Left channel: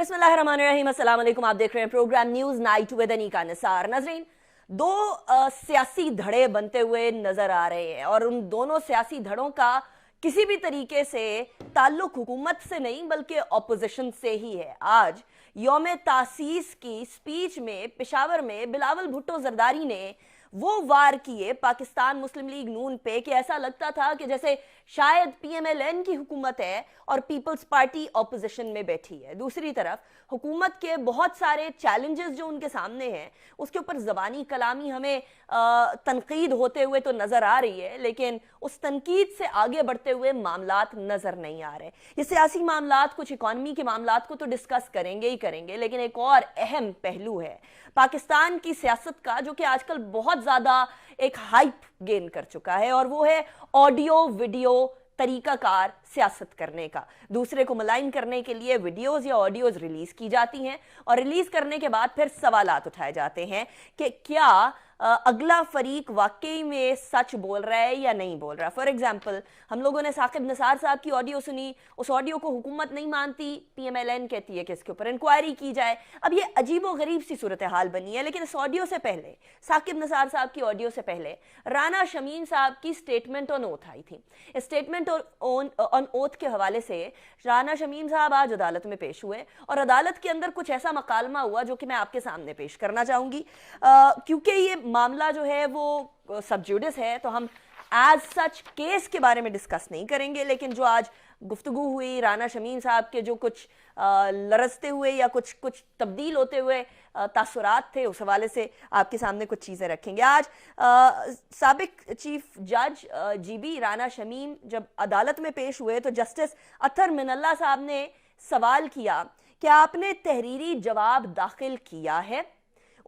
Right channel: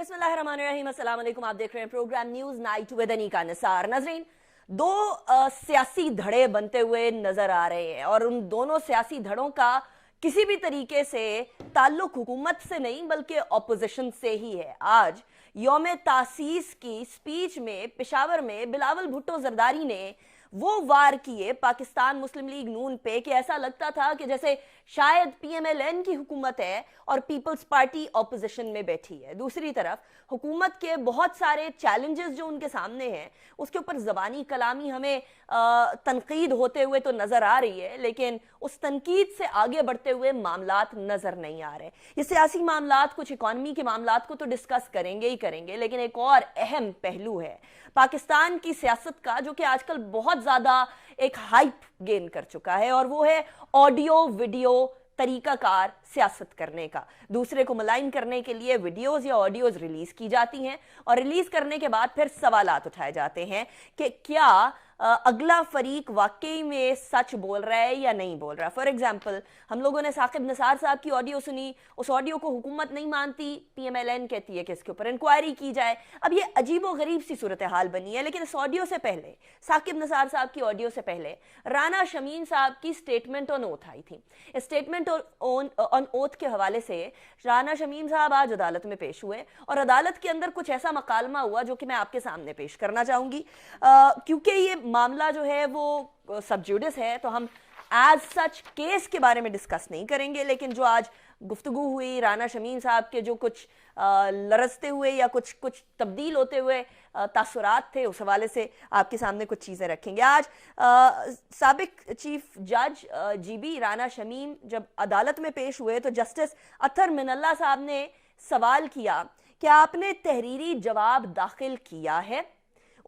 बिस्मिल्लाहिर्रहमानिर्रहीम, अस्सलाम वालेकुम। आप देख रहे हैं program news night with Aneeqa Nisar. नाज़रीन, दो सियासी धड़े बनते हुए नजर आ रहे हैं और उन दोनों सियासी धड़ों का किसी भी तरीके से ताल्लुक हुकूमत से नहीं बल्कि ऑपोजिशन से ही है। आज यौम तासीस की स्पीच में पेशावर में बिलावल भुट्टो जरदारी ने वो वार किए पाकिस्तान मुस्लिम लीग नून पे कि ऐसा लगता था कि जैसे शायद पीएमएलएन की हुकूमत है और पीपल्स पार्टी ऑपोजिशन में बैठी है। दूसरी तरफ हुकूमत के बहुत सारे चैलेंजेस जो उनके सामने हैं उसके ऊपर ज़बानी कलामी हमें तनकीद होते हुए तो नजर आ रही है, लेकिन उस तनकीद से आगे बढ़ते हुए मामलात नजर नहीं आ रहे। ये सियासी मामलात, कुछ इकॉनमी के मामलात को तो डिस्कस करेंगे ही करेंगे, लेकिन एक और अहम पहलू है पाकिस्तान की सियासत का जो कि आजकल बहुत ज्यादा एक हाइप गेन कर चुका है, और वो है ऑडियो वीडियो तरीकाकार सियासत करने का। दूसरे को मलाइन करने के लिए वीडियोस या ऑडियोज रिलीज की जाती हैं और रिलीज करने के बाद फिर सवालात उठाए जाते हैं कि क्या अगला फरीक वाकई में सच बोल रहा है या नहीं बोल रहा है। फॉर एग्जाम्पल, हम लोगों ने साकिब निसार साहब की ऑडियो सुनी, उस ऑडियो को हुकूमत नहीं मानती, पीएमएलएन कहती है कि इसके ऊपर इंक्वायरी की जाए। अब ये अजीबो गरीब सी सूरत हाल बनी है, लेकिन इस ऑडियो से पहले, साकिब निसार साहब की ऑडियो से पहले राना शमीन साहब की स्टेटमेंट ऑन ओथ आई थी। स्टेटमेंट ऑन ओथ के हवाले से राना शमीन साहब आज अदालत में पेश हुए और अदालत के अंदर कुछ ऐसा मकालमा हुआ जो कि मैं आपके सामने पेश करना चाहूंगी। क्योंकि ये मामला जो है वो सब जुडिस है, तो हम एज सच केस के बारे में डिस्कस नहीं करेंगे, लेकिन जो आज गुफ्तगू हुई राना शमीन साहब के जो कुछ लरजते हुए या कुछ तब्दील होते हुए तासुरात थे, उस हवाले से आपके सामने कुछ चीजें रखेंगे। आज साबिक चीफ जज जीबी राना शमीन जब अदालत में पेश हुए तो जस्टिस अतर मिनल्ला साहब ने सवाल किया कि आपने तहरीरी जवाब दाखिल किया है।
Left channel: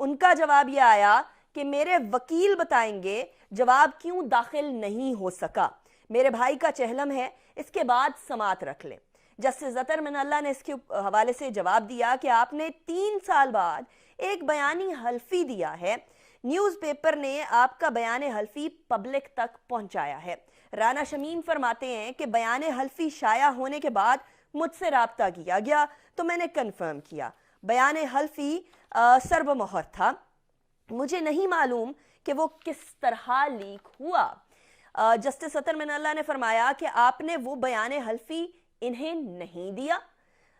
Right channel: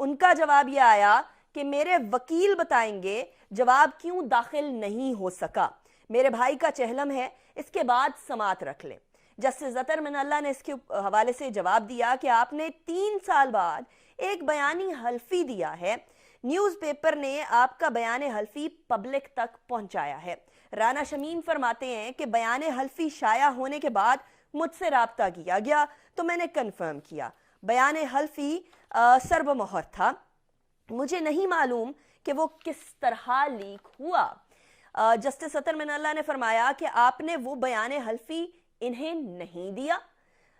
उनका जवाब यह आया कि मेरे वकील बताएंगे जवाब क्यों दाखिल नहीं हो सका, मेरे भाई का चहलम है, इसके बाद समात रख ले। जस्टिस अतर मिनल्ला ने इसके हवाले से जवाब दिया कि आपने 3 साल बाद एक बयानी हल्फी दिया है, न्यूज़पेपर ने आपका बयान हल्फी पब्लिक तक पहुंचाया है। राना शमीन फरमाते हैं कि बयान हल्फी शाया होने के बाद मुझसे राब्ता किया गया तो मैंने कंफर्म किया, बयान हल्फी सर्वमोहर था, मुझे नहीं मालूम कि वो किस तरह लीक हुआ। जस्टिस अतर मिनल्ला ने फरमाया कि आपने वो बयान हल्फी इन्हें नहीं दिया।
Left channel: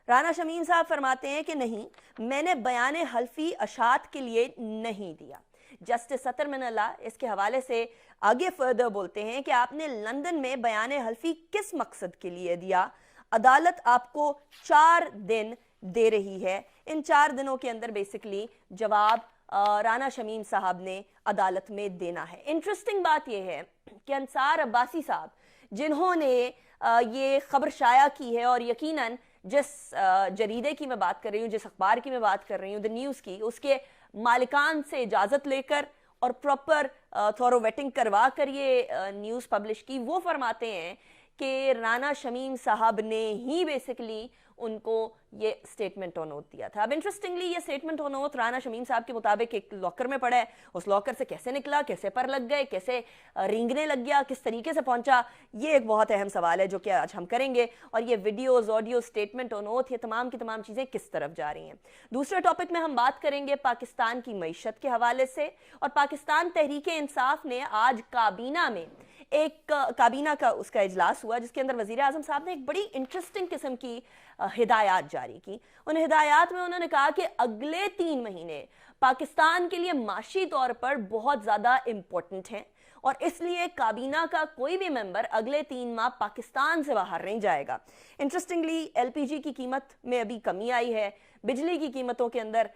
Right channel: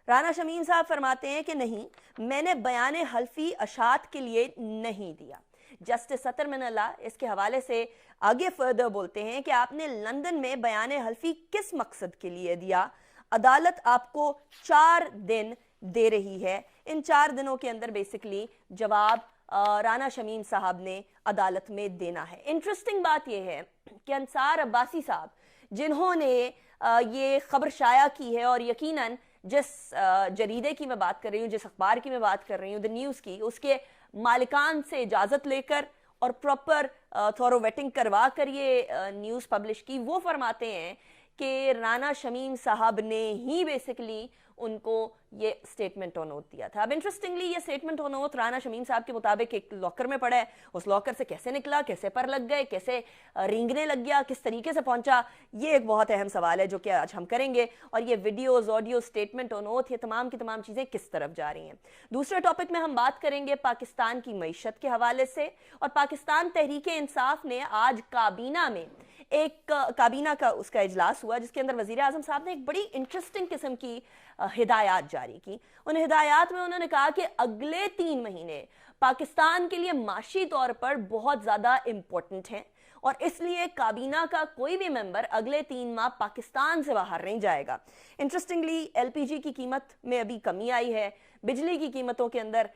राना शमीन साहब फरमाते हैं कि नहीं, मैंने बयान हल्फी अशात के लिए नहीं दिया। जस्टिस अतर मिनल्ला इसके हवाले से आगे फर्दर बोलते हैं कि आपने लंदन में बयान हल्फी किस मकसद के लिए दिया। अदालत आपको 4 दिन दे रही है, इन 4 दिनों के अंदर बेसिकली जवाब राना शमीन साहब ने अदालत में देना है। इंटरेस्टिंग बात यह है कि अंसार अब्बासी साहब जिन्होंने ये खबर शाया की है, और यकीनन जिस जरीदे की मैं बात कर रही हूँ, जिस अखबार की मैं बात कर रही हूँ, द न्यूज़ की, उसके मालिकान से इजाजत लेकर और प्रॉपर थॉरो वेटिंग करवा कर ये न्यूज़ पब्लिश की, वो फरमाते हैं कि राना शमीम साहब ने ही बेसिकली उनको ये स्टेटमेंट ऑन ओथ दिया था। अब इंटरेस्टिंगली ये statement on oath Rana Shamim साहब के मुताबिक एक लॉकर में पड़ा है, उस लॉकर से कैसे निकला, कैसे पर लग गए, कैसे रेंगने लग गया, किस तरीके से पहुंचा, ये एक बहुत अहम सवाल है जो कि आज हम करेंगे। और ये videos, audio, statement on oath, ये तमाम की तमाम चीजें किस तरफ जा रही हैं। दूसरे टॉपिक में हम बात करेंगे पाकिस्तान की मईशत के हवाले से, और पाकिस्तान तहरीक इंसाफ ने आज काबीना में एक काबीना का उसका इजलास हुआ जिसके अंदर वजीर आजम साहब ने एक बड़ी इंटरेस्टिंग किस्म की हिदायत जारी की। उन हिदायत में उन्होंने कहा कि अगले 3 महीने पाकिस्तान के लिए माशी तौर पर बहुत ज्यादा इंपॉर्टेंट हैं और इसलिए काबीना का कोई भी मेंबर अगले 3 माह पाकिस्तान से बाहर नहीं जाएगा। इंटरेस्टिंगली एलपीजी की कीमत में अभी कमी आई है, बिजली की कीमतों के अंदर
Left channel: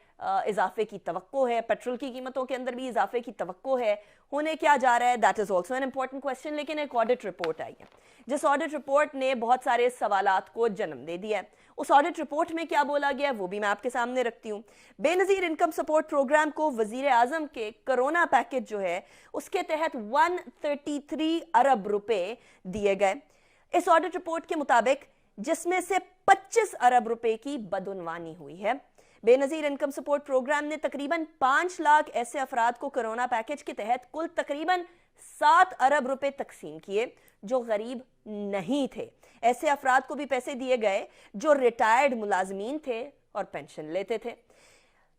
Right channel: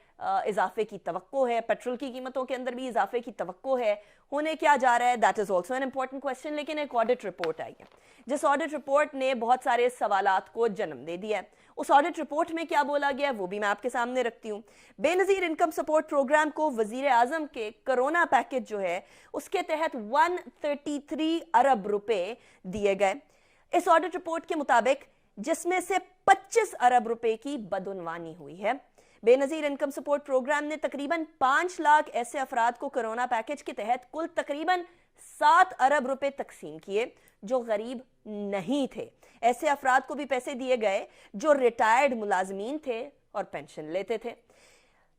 इजाफे की तवक्को है, पेट्रोल की कीमतों के अंदर भी इजाफे की तवक्को है। होने क्या जा रहा है, that is also an important question. लेकिन एक ऑडिट रिपोर्ट आई है जिस ऑडिट रिपोर्ट ने बहुत सारे सवालात को जन्म दे दिया है। उस ऑडिट रिपोर्ट में क्या बोला गया वो भी मैं आपके सामने रखती हूँ। बेनजीर इनकम सपोर्ट प्रोग्राम को वजीर आजम के कोरोना पैकेज जो है उसके तहत 133 अरब रुपए दिए गए इस ऑडिट रिपोर्ट के मुताबिक, जिसमें से 25 अरब रुपए की बदउनवानी हुई है। बेनजीर इनकम सपोर्ट प्रोग्राम ने तकरीबन 5 लाख ऐसे अफराद को कोरोना पैकेज के तहत कुल तकरीबन 7 अरब रुपए तकसीम किए जो गरीब नहीं थे। ऐसे अफराद को भी पैसे दिए गए जो रिटायर्ड मुलाजमीन थे और पेंशन लेते थे।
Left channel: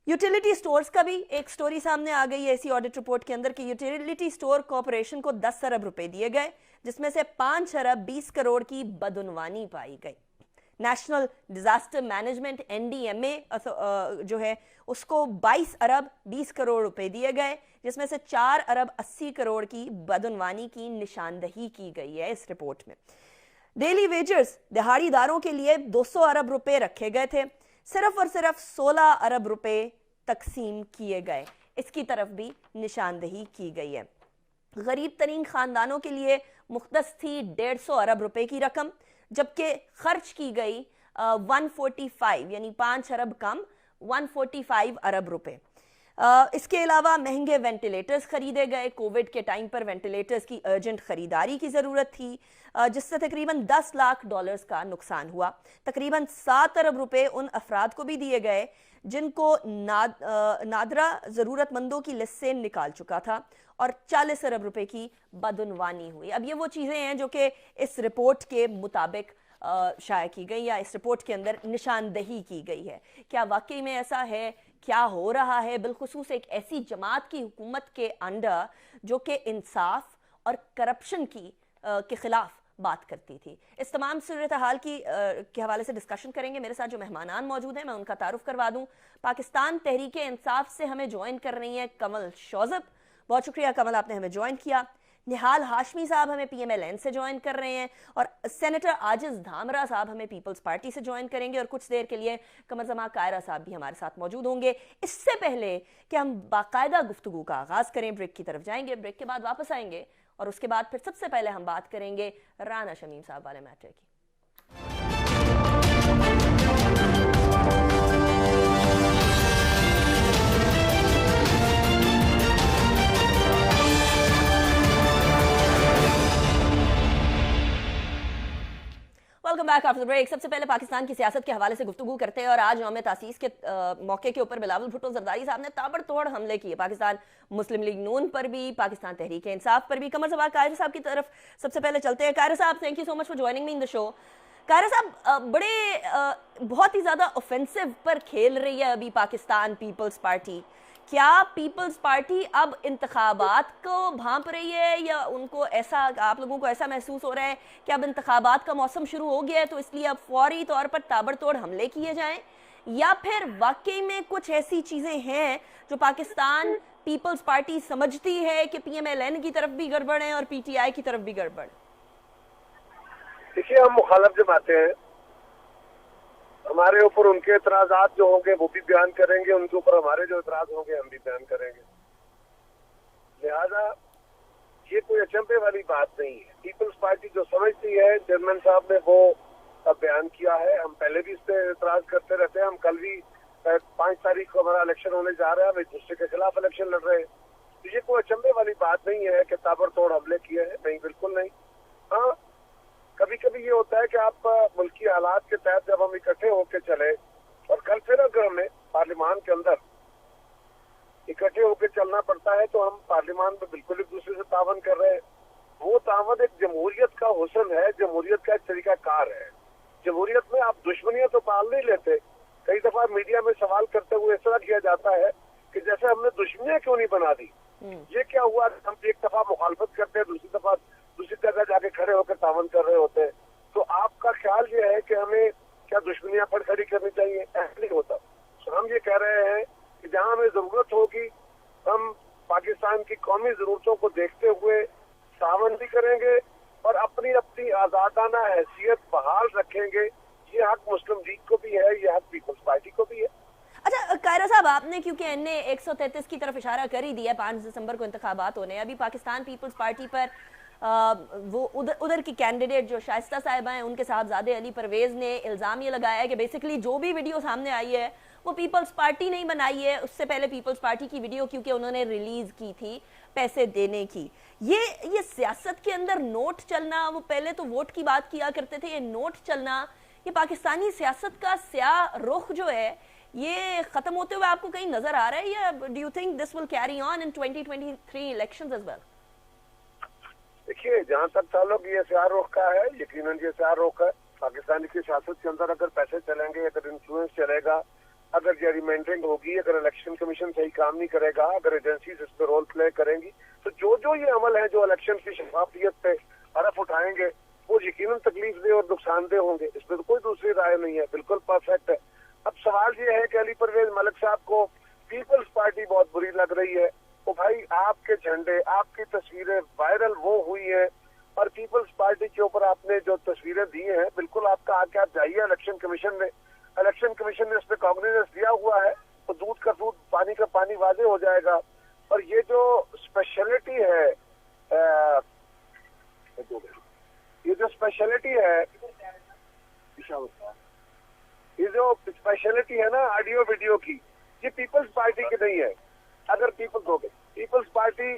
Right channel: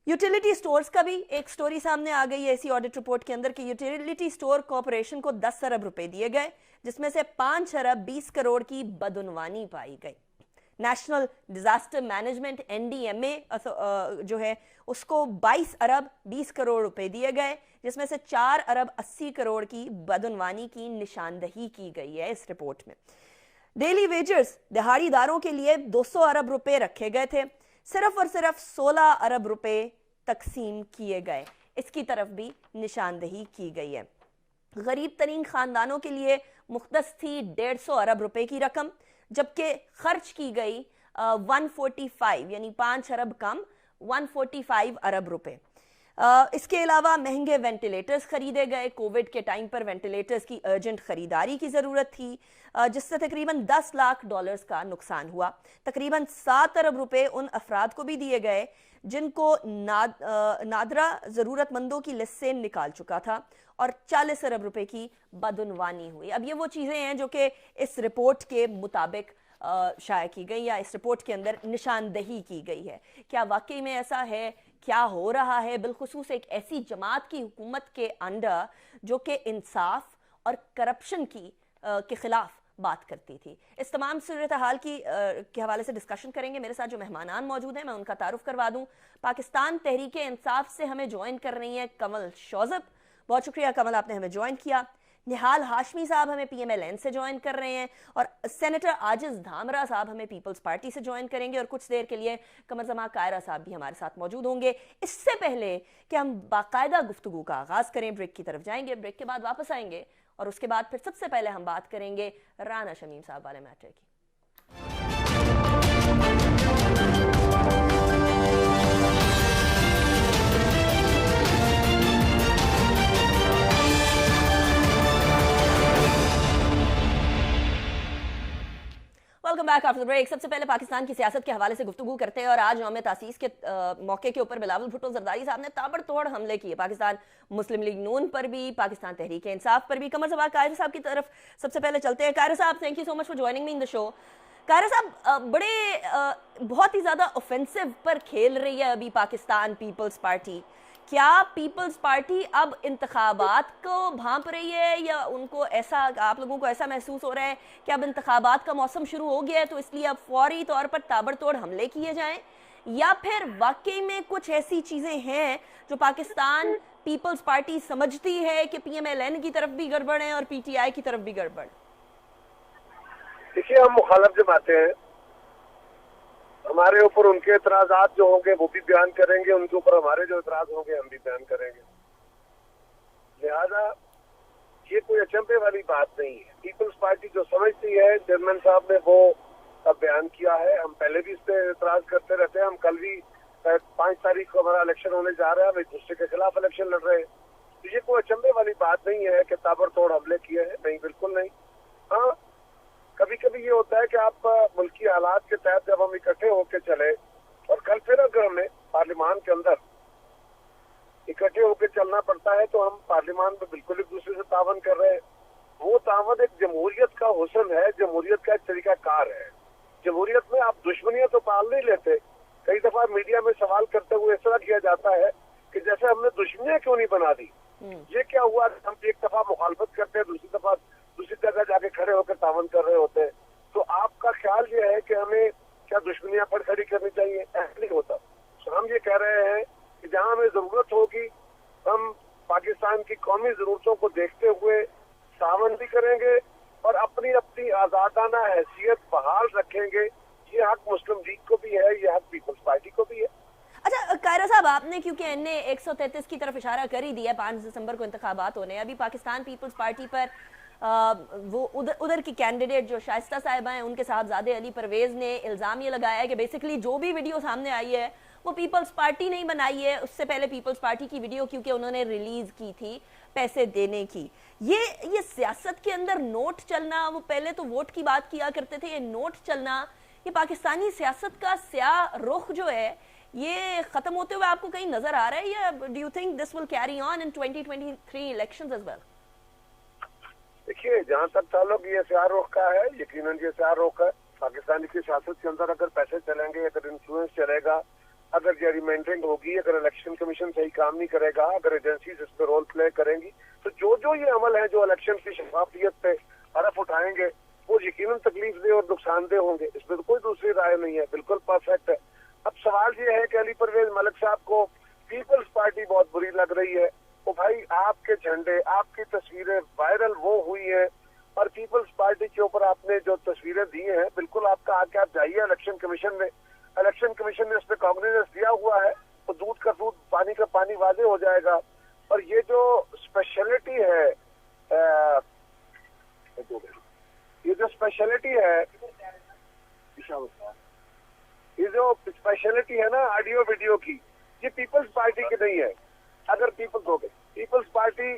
यूटिलिटी स्टोर्स का भी एक स्टोरी सामने आ गई है ऐसी ऑडिट रिपोर्ट के अंदर कि यूटिलिटी स्टोर कॉर्पोरेशन को 10 अरब रुपए दिए गए, जिसमें से 5 अरब 20 करोड़ की बदउनवानी पाई गई। नेशनल डिजास्टर मैनेजमेंट NDMA जो है उसको 22 अरब 20 करोड़ रुपए दिए गए, जिसमें से 4 अरब 80 करोड़ की बदउनवानी की निशानदही की गई है इस रिपोर्ट में। डेली वेजर्स दिहाड़ीदारों के लिए 200 अरब रुपए रखे गए थे, सिर्फ और सिर्फ 16 अरब रुपए तकसीम किए गए, इसकी तरफ भी निशानदही की गई है। गरीब तरीन खानदानों के लिए मुख्तस थी 150 अरब रुपए की रकम, जबकि खर्च की गई 145 यानी 5 अरब कम 145 अरब रुपए। इसके अलावा महंगे वेंटिलेटर्स खरीदे गए। कोविड के टाइम पर वेंटिलेटर्स की अर्जेंट खरीदारी की जरूरत थी, जिससे तकरीबन $10 लाख का नुकसान हुआ। तकरीबन 7 अरब रुपए उन अफराद को भी दिए गए जिनको नादरा जरूरतमंदों की लिस्ट से निकाल चुका था, और 40 अरब रुपए की बदउनवानी हुई। अब ये वो चीजें हैं जो कि इस रिपोर्ट के मुताबिक शाया की गई या इस रिपोर्ट के अंदर निशानदही की गई है। क्या वाकई में ऐसा है? क्या हो रहा है? बिलखुसूस एक ऐसी जमात की हुकूमत के अंडर जो कि इंसाफ और करप्शन के खिलाफ बात करती थी। इस तमाम सूरत हाल के हवाले से डिस्कशन करेंगे। मेरे साथ जो मेहमानान मौजूद हैं मैं उनका तारुफ करवा दूं। पाकिस्तान तहरीक इंसाफ से हमें ज्वाइन कर रही हैं कमल शौजब। बहुत शुक्रिया कमल, आपने हमें ज्वाइन किया। निहाल हाशमी साहब हमें PMLN से ज्वाइन कर रहे हैं, और सेनेटर आजिज धामरा साहब हमें पीपल्स पार्टी से ज्वाइन करेंगे, और कुछ देर के लिए कमर जमा कायरा साहब भी हमारे साथ मौजूद होंगे। इससे पहले कि हम बाकायदा गुफ्तगू का आगाज करें, ब्रेक की तरफ जाएंगे, ब्रेक के बाद वापस आएंगे, और उसके बाद फिर सबसे पहले हम बात करेंगे राना शमीम साहब वाले मैटर की। Welcome back after break. सबसे पहले पाकिस्तान की सियासत के हवाले से गुफ्तगू करते हैं, और आज यौम तासीस के मौके के ऊपर बिलावल भुट्टो जरदारी साहब ने ताबड़तोड़ हमले किए पाकिस्तान मुस्लिम लीग नून पर भी, पाकिस्तान तहरीक इंसाफ पर भी। कमर सभा कायरा साहब की तरफ सबसे पहले चलते हैं। कायरा साहब, thank you so much for joining me in the show. Kaira साहब, बहुत ही ज्यादा ऑफेंसिव पर खेल रही है अभी पाकिस्तान पीपल्स पार्टी। क्या पीपल्स पार्टी अब इंतखाबात को भांप रही है, या उनको ऐसा, आप लोगों को ऐसा महसूस हो रहा है कि अब इंतखाबात का मौसम शुरू हो गया है तो इसलिए अब फौरी तौर पर ताबड़तोड़ हमले किए जाएं, या फिर वाकई में कुछ ऐसी चीजें हैं जो पाकिस्तान पीपल्स पार्टी समझती है कि PMLN की तरफ भी गड़बड़ है और PTI की तरफ भी गड़बड़? देखिए, हम मुखालफ जमाते हैं, हमारे ऊपर उनके एतराजात जो होंगे वो भी बयान करेंगे, उनके ऊपर हमारे जो एतराज होंगे हम भी बयान करेंगे। लिहाजा ये कोई अचंभे वाली बात नहीं है। पीपल्स पार्टी जो समझती है, चेयरमैन साहब ने वो बयान किया है। हम पहले भी इस पे एतराज करते रहते हैं। हम कल भी 5 तारीख को हमारा इलेक्शन होने जा रहा है, हम एक दूसरे के खिलाफ इलेक्शन लड़ रहे हैं। तो ये कोई अचंभे वाली बात नहीं है कि ताबड़तोड़ हमले किए हैं, नहीं, बिल्कुल नहीं। हाँ, कभी कभी ये होता है कि आप मुल्की हालात के तहत जब हम इकट्ठे होकर चले, और कल फिर अगर हमें पार्लियामान के अंदर इकट्ठे होकर चलना पड़ता है तो हम पार्लियामान में बिल्कुल एक दूसरे से तावन कर रहे हैं। वो तावन एक जमहूरियत का हुस्न है, जमहूरियत का एक तरीकाकार है। जमहूरियत में आप दुश्मनियां तो पाल नहीं लेते। कई दफा मीडिया में सवाल करते हुए इस तरह किया जाता है कि जैसे हमने दुश्मनियां क्यों नहीं बना दी। ये क्या हुआ, हम एक दफा मुखालफत करते हैं, दूसरी दफा दूसरी जगह जाके खड़े होकर तावन कर रहे होते हैं। तो आपका ख्याल ये है कि हमें क्या दुश्मनियां पर खड़ी करनी चाहिए? ऐसा नहीं होता। तो हम ये कह रहे हैं कि जहां हमें जरूरत होगी हम पाकिस्तान की कौमी जरूरतों को देखते हुए तावन भी करेंगे और अपनी अपनी आजादाना हैसियत बहाल रखेंगे। ये हक मुस्लिम लीग को भी है, ये हक पीपल्स पार्टी को भी है। अच्छा कायरा साहब, आपने क्योंकि एनए 133 की तरफ इशारा कर ही दिया, 5 दिसंबर को इंतखाबात होने, अभी पाकिस्तान पीपल्स पार्टी पर वो उधर की कैंडिडेट जो शाइस्ता साहिबा हैं, उनके साहबजादे अली परवेज ने इल्जाम ये लगाया है कि बेसिकली जो भी वीडियो सामने आई है वो पीपल्स पार्टी नहीं बनाई है, उससे पहले पीपल्स पार्टी की वीडियो क्योंकि उन्होंने रिलीज की थी पैसे देने की। ये सियासत के अंदर नोट चलना, वो पहले तो वोट की बात किया करते थे, ये नोट चलना, ये पाकिस्तानी सियासत का स्याह रुख जो है ये खत्म होते हुए आपको कहीं नजर आ रहा है, या do you think this will carry on in 2023 elections as well? देखिए, जहाँ तक ताल्लुक ये स्याह रुख का है, यकीनन ये स्याह रुख है। पाकिस्तान की सियासत के अंदर अगर पैसे चलेंगे, अगर इन्फ्लुएंस चलेगा, اگر جیریمنڈرنگ ہوگی, اگر الیکشن کمیشن صحیح کام نہیں کرے گا, اگر ایجنسیز اس پہ رول پلے کریں گی, تو جو یہ عمل ہے جو الیکشن کی شفافیت پہ حرف اٹھائیں گے وہ یقیناً تکلیف دہ اور نقصان دہ ہوں گے. اس میں تو کوئی دوسری رائے نہیں ہے, بالکل پرفیکٹ ہے. اب سوال یہ ہے کہ علی پرویز ملک صاحب کو پیپلز پارٹی بہت بری لگ رہی ہے. تو بھائی آپ کے جھنڈے, آپ کی تصویریں وائرل وہ ہوئی ہیں, اور پیپلز پارٹی کے اوپر آپ نے جو تصویریں دی ہیں, بالکل آپ کا آ کے آپ جائیے الیکشن کمیشن میں. الیکشن کمیشن نے اس پہ کاگنیزنس دیا ہوا ہے, تو دودھ کا دودھ پانی کا پانی واضح ہو جائے گا. اور یہ جو اسپیشلٹی ہے, یہ جو اسپیشلٹی ہے نا آڈیو ویڈیو کی, یہ پیپلز پارٹی کی نہیں ہے. اگر پیپلز پارٹی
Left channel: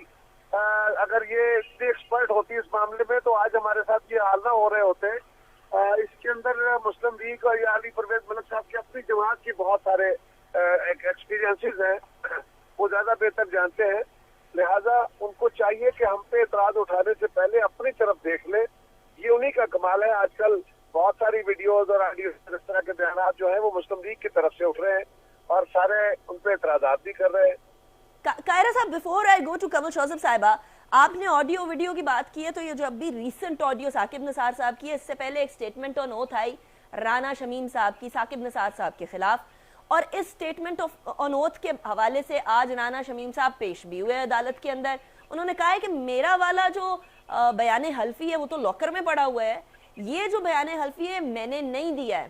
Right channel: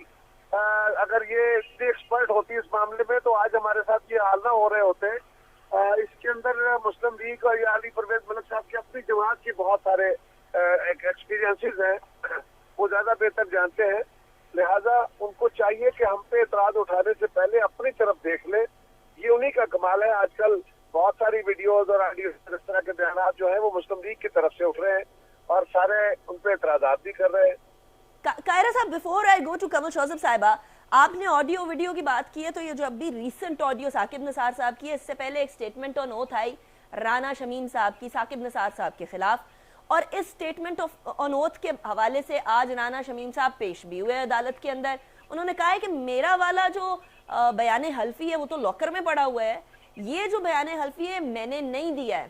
اگر یہ ایکسپرٹ ہوتی اس معاملے میں تو آج ہمارے ساتھ یہ حال نہ ہو رہے ہوتے. اس کے اندر مسلم لیگ اور یا علی پرویز ملک صاحب کی اپنی جماعت کی بہت سارے ایکسپیرینسز ہیں, وہ زیادہ بہتر جانتے ہیں. لہذا ان کو چاہیے کہ ہم پہ اعتراض اٹھانے سے پہلے اپنی طرف دیکھ لیں. یہ انہی کا کمال ہے. آج کل بہت ساری ویڈیوز اور آڈیوز اس طرح کے بیانات جو ہیں وہ مسلم لیگ کی طرف سے اٹھ رہے ہیں, اور سارے ان پہ اعتراضات بھی کر رہے ہیں. کائرہ صاحب, before I go to Qamar Shozab صاحبہ, آپ نے آڈیو ویڈیو کی بات کی ہے, تو یہ جو ابھی ریسنٹ آڈیو ثاقب نثار صاحب کی ہے, اس سے پہلے ایک سٹیٹمنٹ آن اوتھ آئی رانا شمیم صاحب کی ثاقب نثار صاحب کے خلاف, اور اس سٹیٹمنٹ آن اوتھ کے حوالے سے آج رانا شمیم صاحب پیش بھی ہوئے عدالت کے اندر. انہوں نے کہا ہے کہ میرا والا جو بیان حلفی ہے وہ تو لاکر میں پڑا ہوا ہے, یہ جو بیان حلفی ہے میں نے نہیں دیا ہے.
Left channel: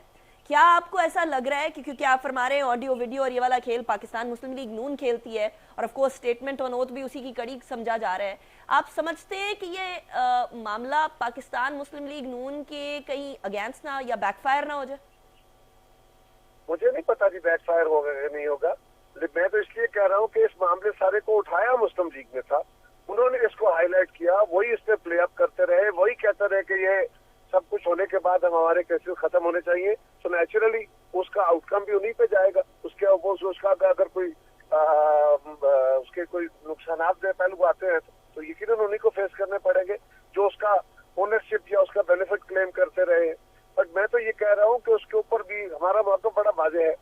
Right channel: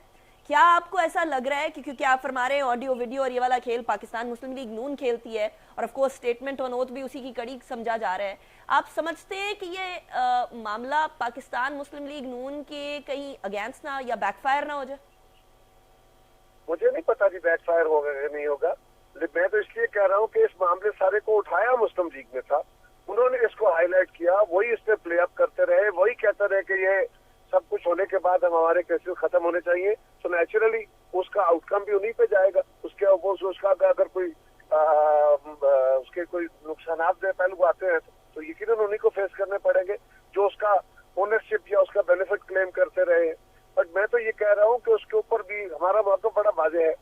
کیا آپ کو ایسا لگ رہا ہے کہ کیونکہ آپ فرما رہے ہیں آڈیو ویڈیو اور یہ والا کھیل پاکستان مسلم لیگ نون کھیلتی ہے, اور of course statement on oath بھی اسی کی کڑی سمجھا جا رہا ہے, آپ سمجھتے ہیں کہ یہ معاملہ پاکستان مسلم لیگ نون کے کہیں اگینسٹ نہ یا بیک فائر نہ ہو جائے؟ مجھے نہیں پتا کہ بیک فائر ہوگا کہ نہیں ہوگا. میں تو اس لیے کہہ رہا ہوں کہ اس معاملے سارے کو اٹھایا مسلم لیگ میں تھا, انہوں نے اس کو ہائی لائٹ کیا, وہی اس پہ پلے اپ کرتے رہے, وہی کہتے رہے کہ یہ سب کچھ ہونے کے بعد ہمارے کیسز ختم ہونے چاہیے. تو نیچرلی اس کا آؤٹ کم بھی انہیں پہ جائے گا. اس کا اگر کوئی اس کے کوئی نقصانات دہ پہلو آتے ہیں تو یقیناً انہیں کو فیس کرنے پڑیں گے, جو اس کا اونرشپ یا اس کا بینیفٹ کلیم کرتے رہے ہیں. بٹ میں تو یہ کہہ رہا ہوں کہ اس کے اوپر بھی ہمارا موقف بڑا واضح ہے.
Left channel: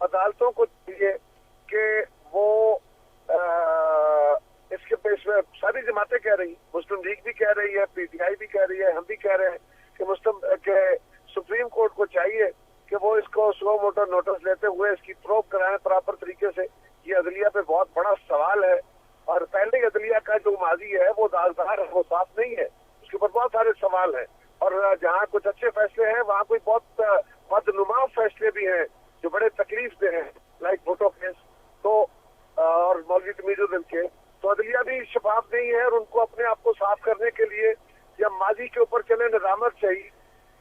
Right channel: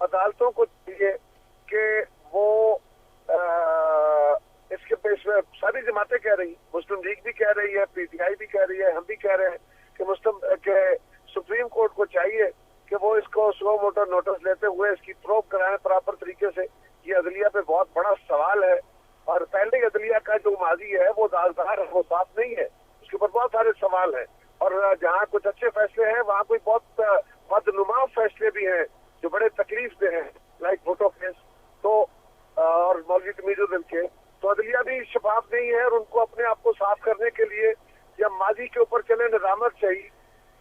عدالتوں کو چاہیے کہ وہ اس کے پیش میں ساری جماعتیں کہہ رہی, مسلم لیگ بھی کہہ رہی ہے, پی ٹی آئی بھی کہہ رہی ہے, ہم بھی کہہ رہے ہیں کہ سپریم کورٹ کو چاہیے کہ وہ اس کو سو موٹو نوٹس لیتے ہوئے اس کی پروب کرائیں پراپر طریقے سے. یہ عدلیہ پہ بہت بڑا سوال ہے, اور پہلے عدلیہ کا جو ماضی ہے وہ داغدار ہے, وہ صاف نہیں ہے, اس کے اوپر بہت سارے سوال ہیں. اور جہاں کچھ اچھے فیصلے ہیں وہاں کوئی بہت بدنما فیصلے بھی ہیں جو بڑے تکلیف دہ ہیں, لائک بھٹو کیس تو اور مولوی تمیز الدین کے. تو عدلیہ بھی شفاف نہیں ہے, اور ان کو اپنے آپ کو صاف کرنے کے لیے یا ماضی کے اوپر چلے نظامت چاہیے.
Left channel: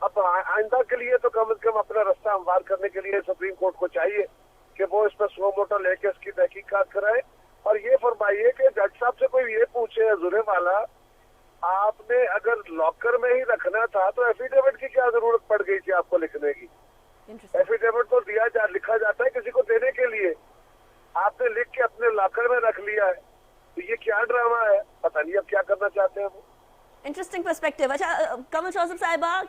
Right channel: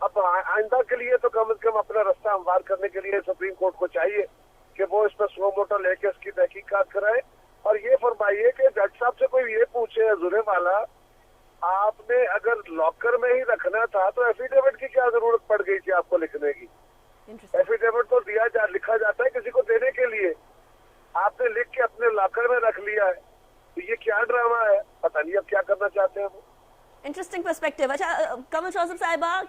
اب آئندہ کے لیے تو کم از کم اپنا رستہ ہموار کرنے کے لیے سپریم کورٹ کو چاہیے کہ وہ اس پر سو موٹو لے کے اس کی تحقیقات کرائے, اور یہ فرمائیے کہ جج صاحب سے کوئی یہ پوچھے حضور والا, آپ نے اگر لاکر میں ہی رکھنا تھا تو ایفیڈیوٹ کی کیا ضرورت پڑ گئی تھی آپ کو لکھنے کی؟ ایفیڈیوٹ تو لکھا جاتا ہے کسی کو دینے کے لیے, آپ نے لکھ کے اپنے لاکر میں رکھ لیا ہے. تو یہ کیا ڈرامہ ہے, پتہ نہیں اب کیا کرنا چاہتے ہیں وہ. Interesting perspective. اچھا قمر شوذب صاحبہ,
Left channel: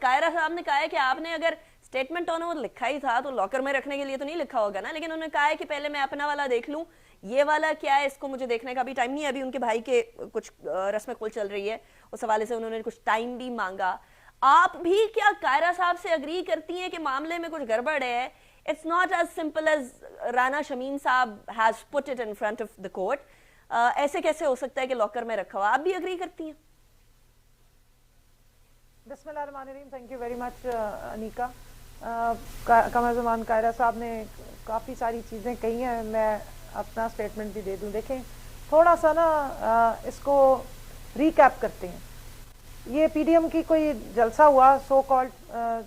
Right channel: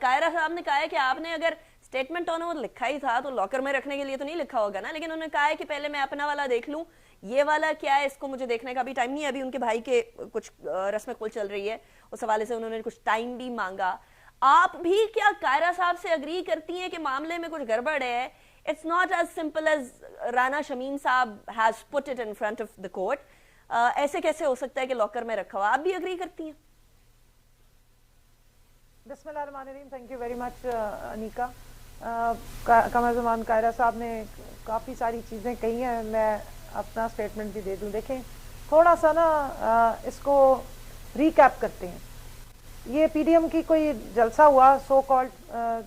قائرہ صاحب نے کہا ہے کہ آپ نے اگر اسٹیٹمنٹ آن اوتھ لکھا ہی تھا تو لاکر میں رکھنے کے لیے تو نہیں لکھا ہوگا نا, لیکن انہوں نے کہا ہے کہ پہلے میں اپنا والا دیکھ لوں, یہ والا کیا ہے اس کو مجھے دیکھنے کا بھی ٹائم نہیں ہے. ابھی ان کے بھائی کے کچھ رسم کل چل رہی ہے, اس حوالے سے انہوں نے کچھ ٹائم بھی مانگا. آپ بھی کیا قائرہ صاحب سے اگری کرتی ہیں کہ معاملے میں کچھ گڑبڑ ہے؟ It's not as simple as Rana Shamim صاحب has put it in front of the court. ایسے کیسے ہو سکتا ہے کہ لاکر میں رکھا ہوا؟ آپ بھی اگری کرتی ہیں؟ بسم اللہ الرحمن الرحیم. Thank you very much انیکا. Qamar Zaman Kaira صاحب نے کافی ساری چیزیں کہی ہیں, میں اپنا اسٹیٹمنٹ بھی دے دوں. دیکھیں تھوڑا سا نا اس کو ریکیپ کرتے ہیں. یہ پی ڈی ایم کی کوئی جلسہ ہوا, سو کالڈ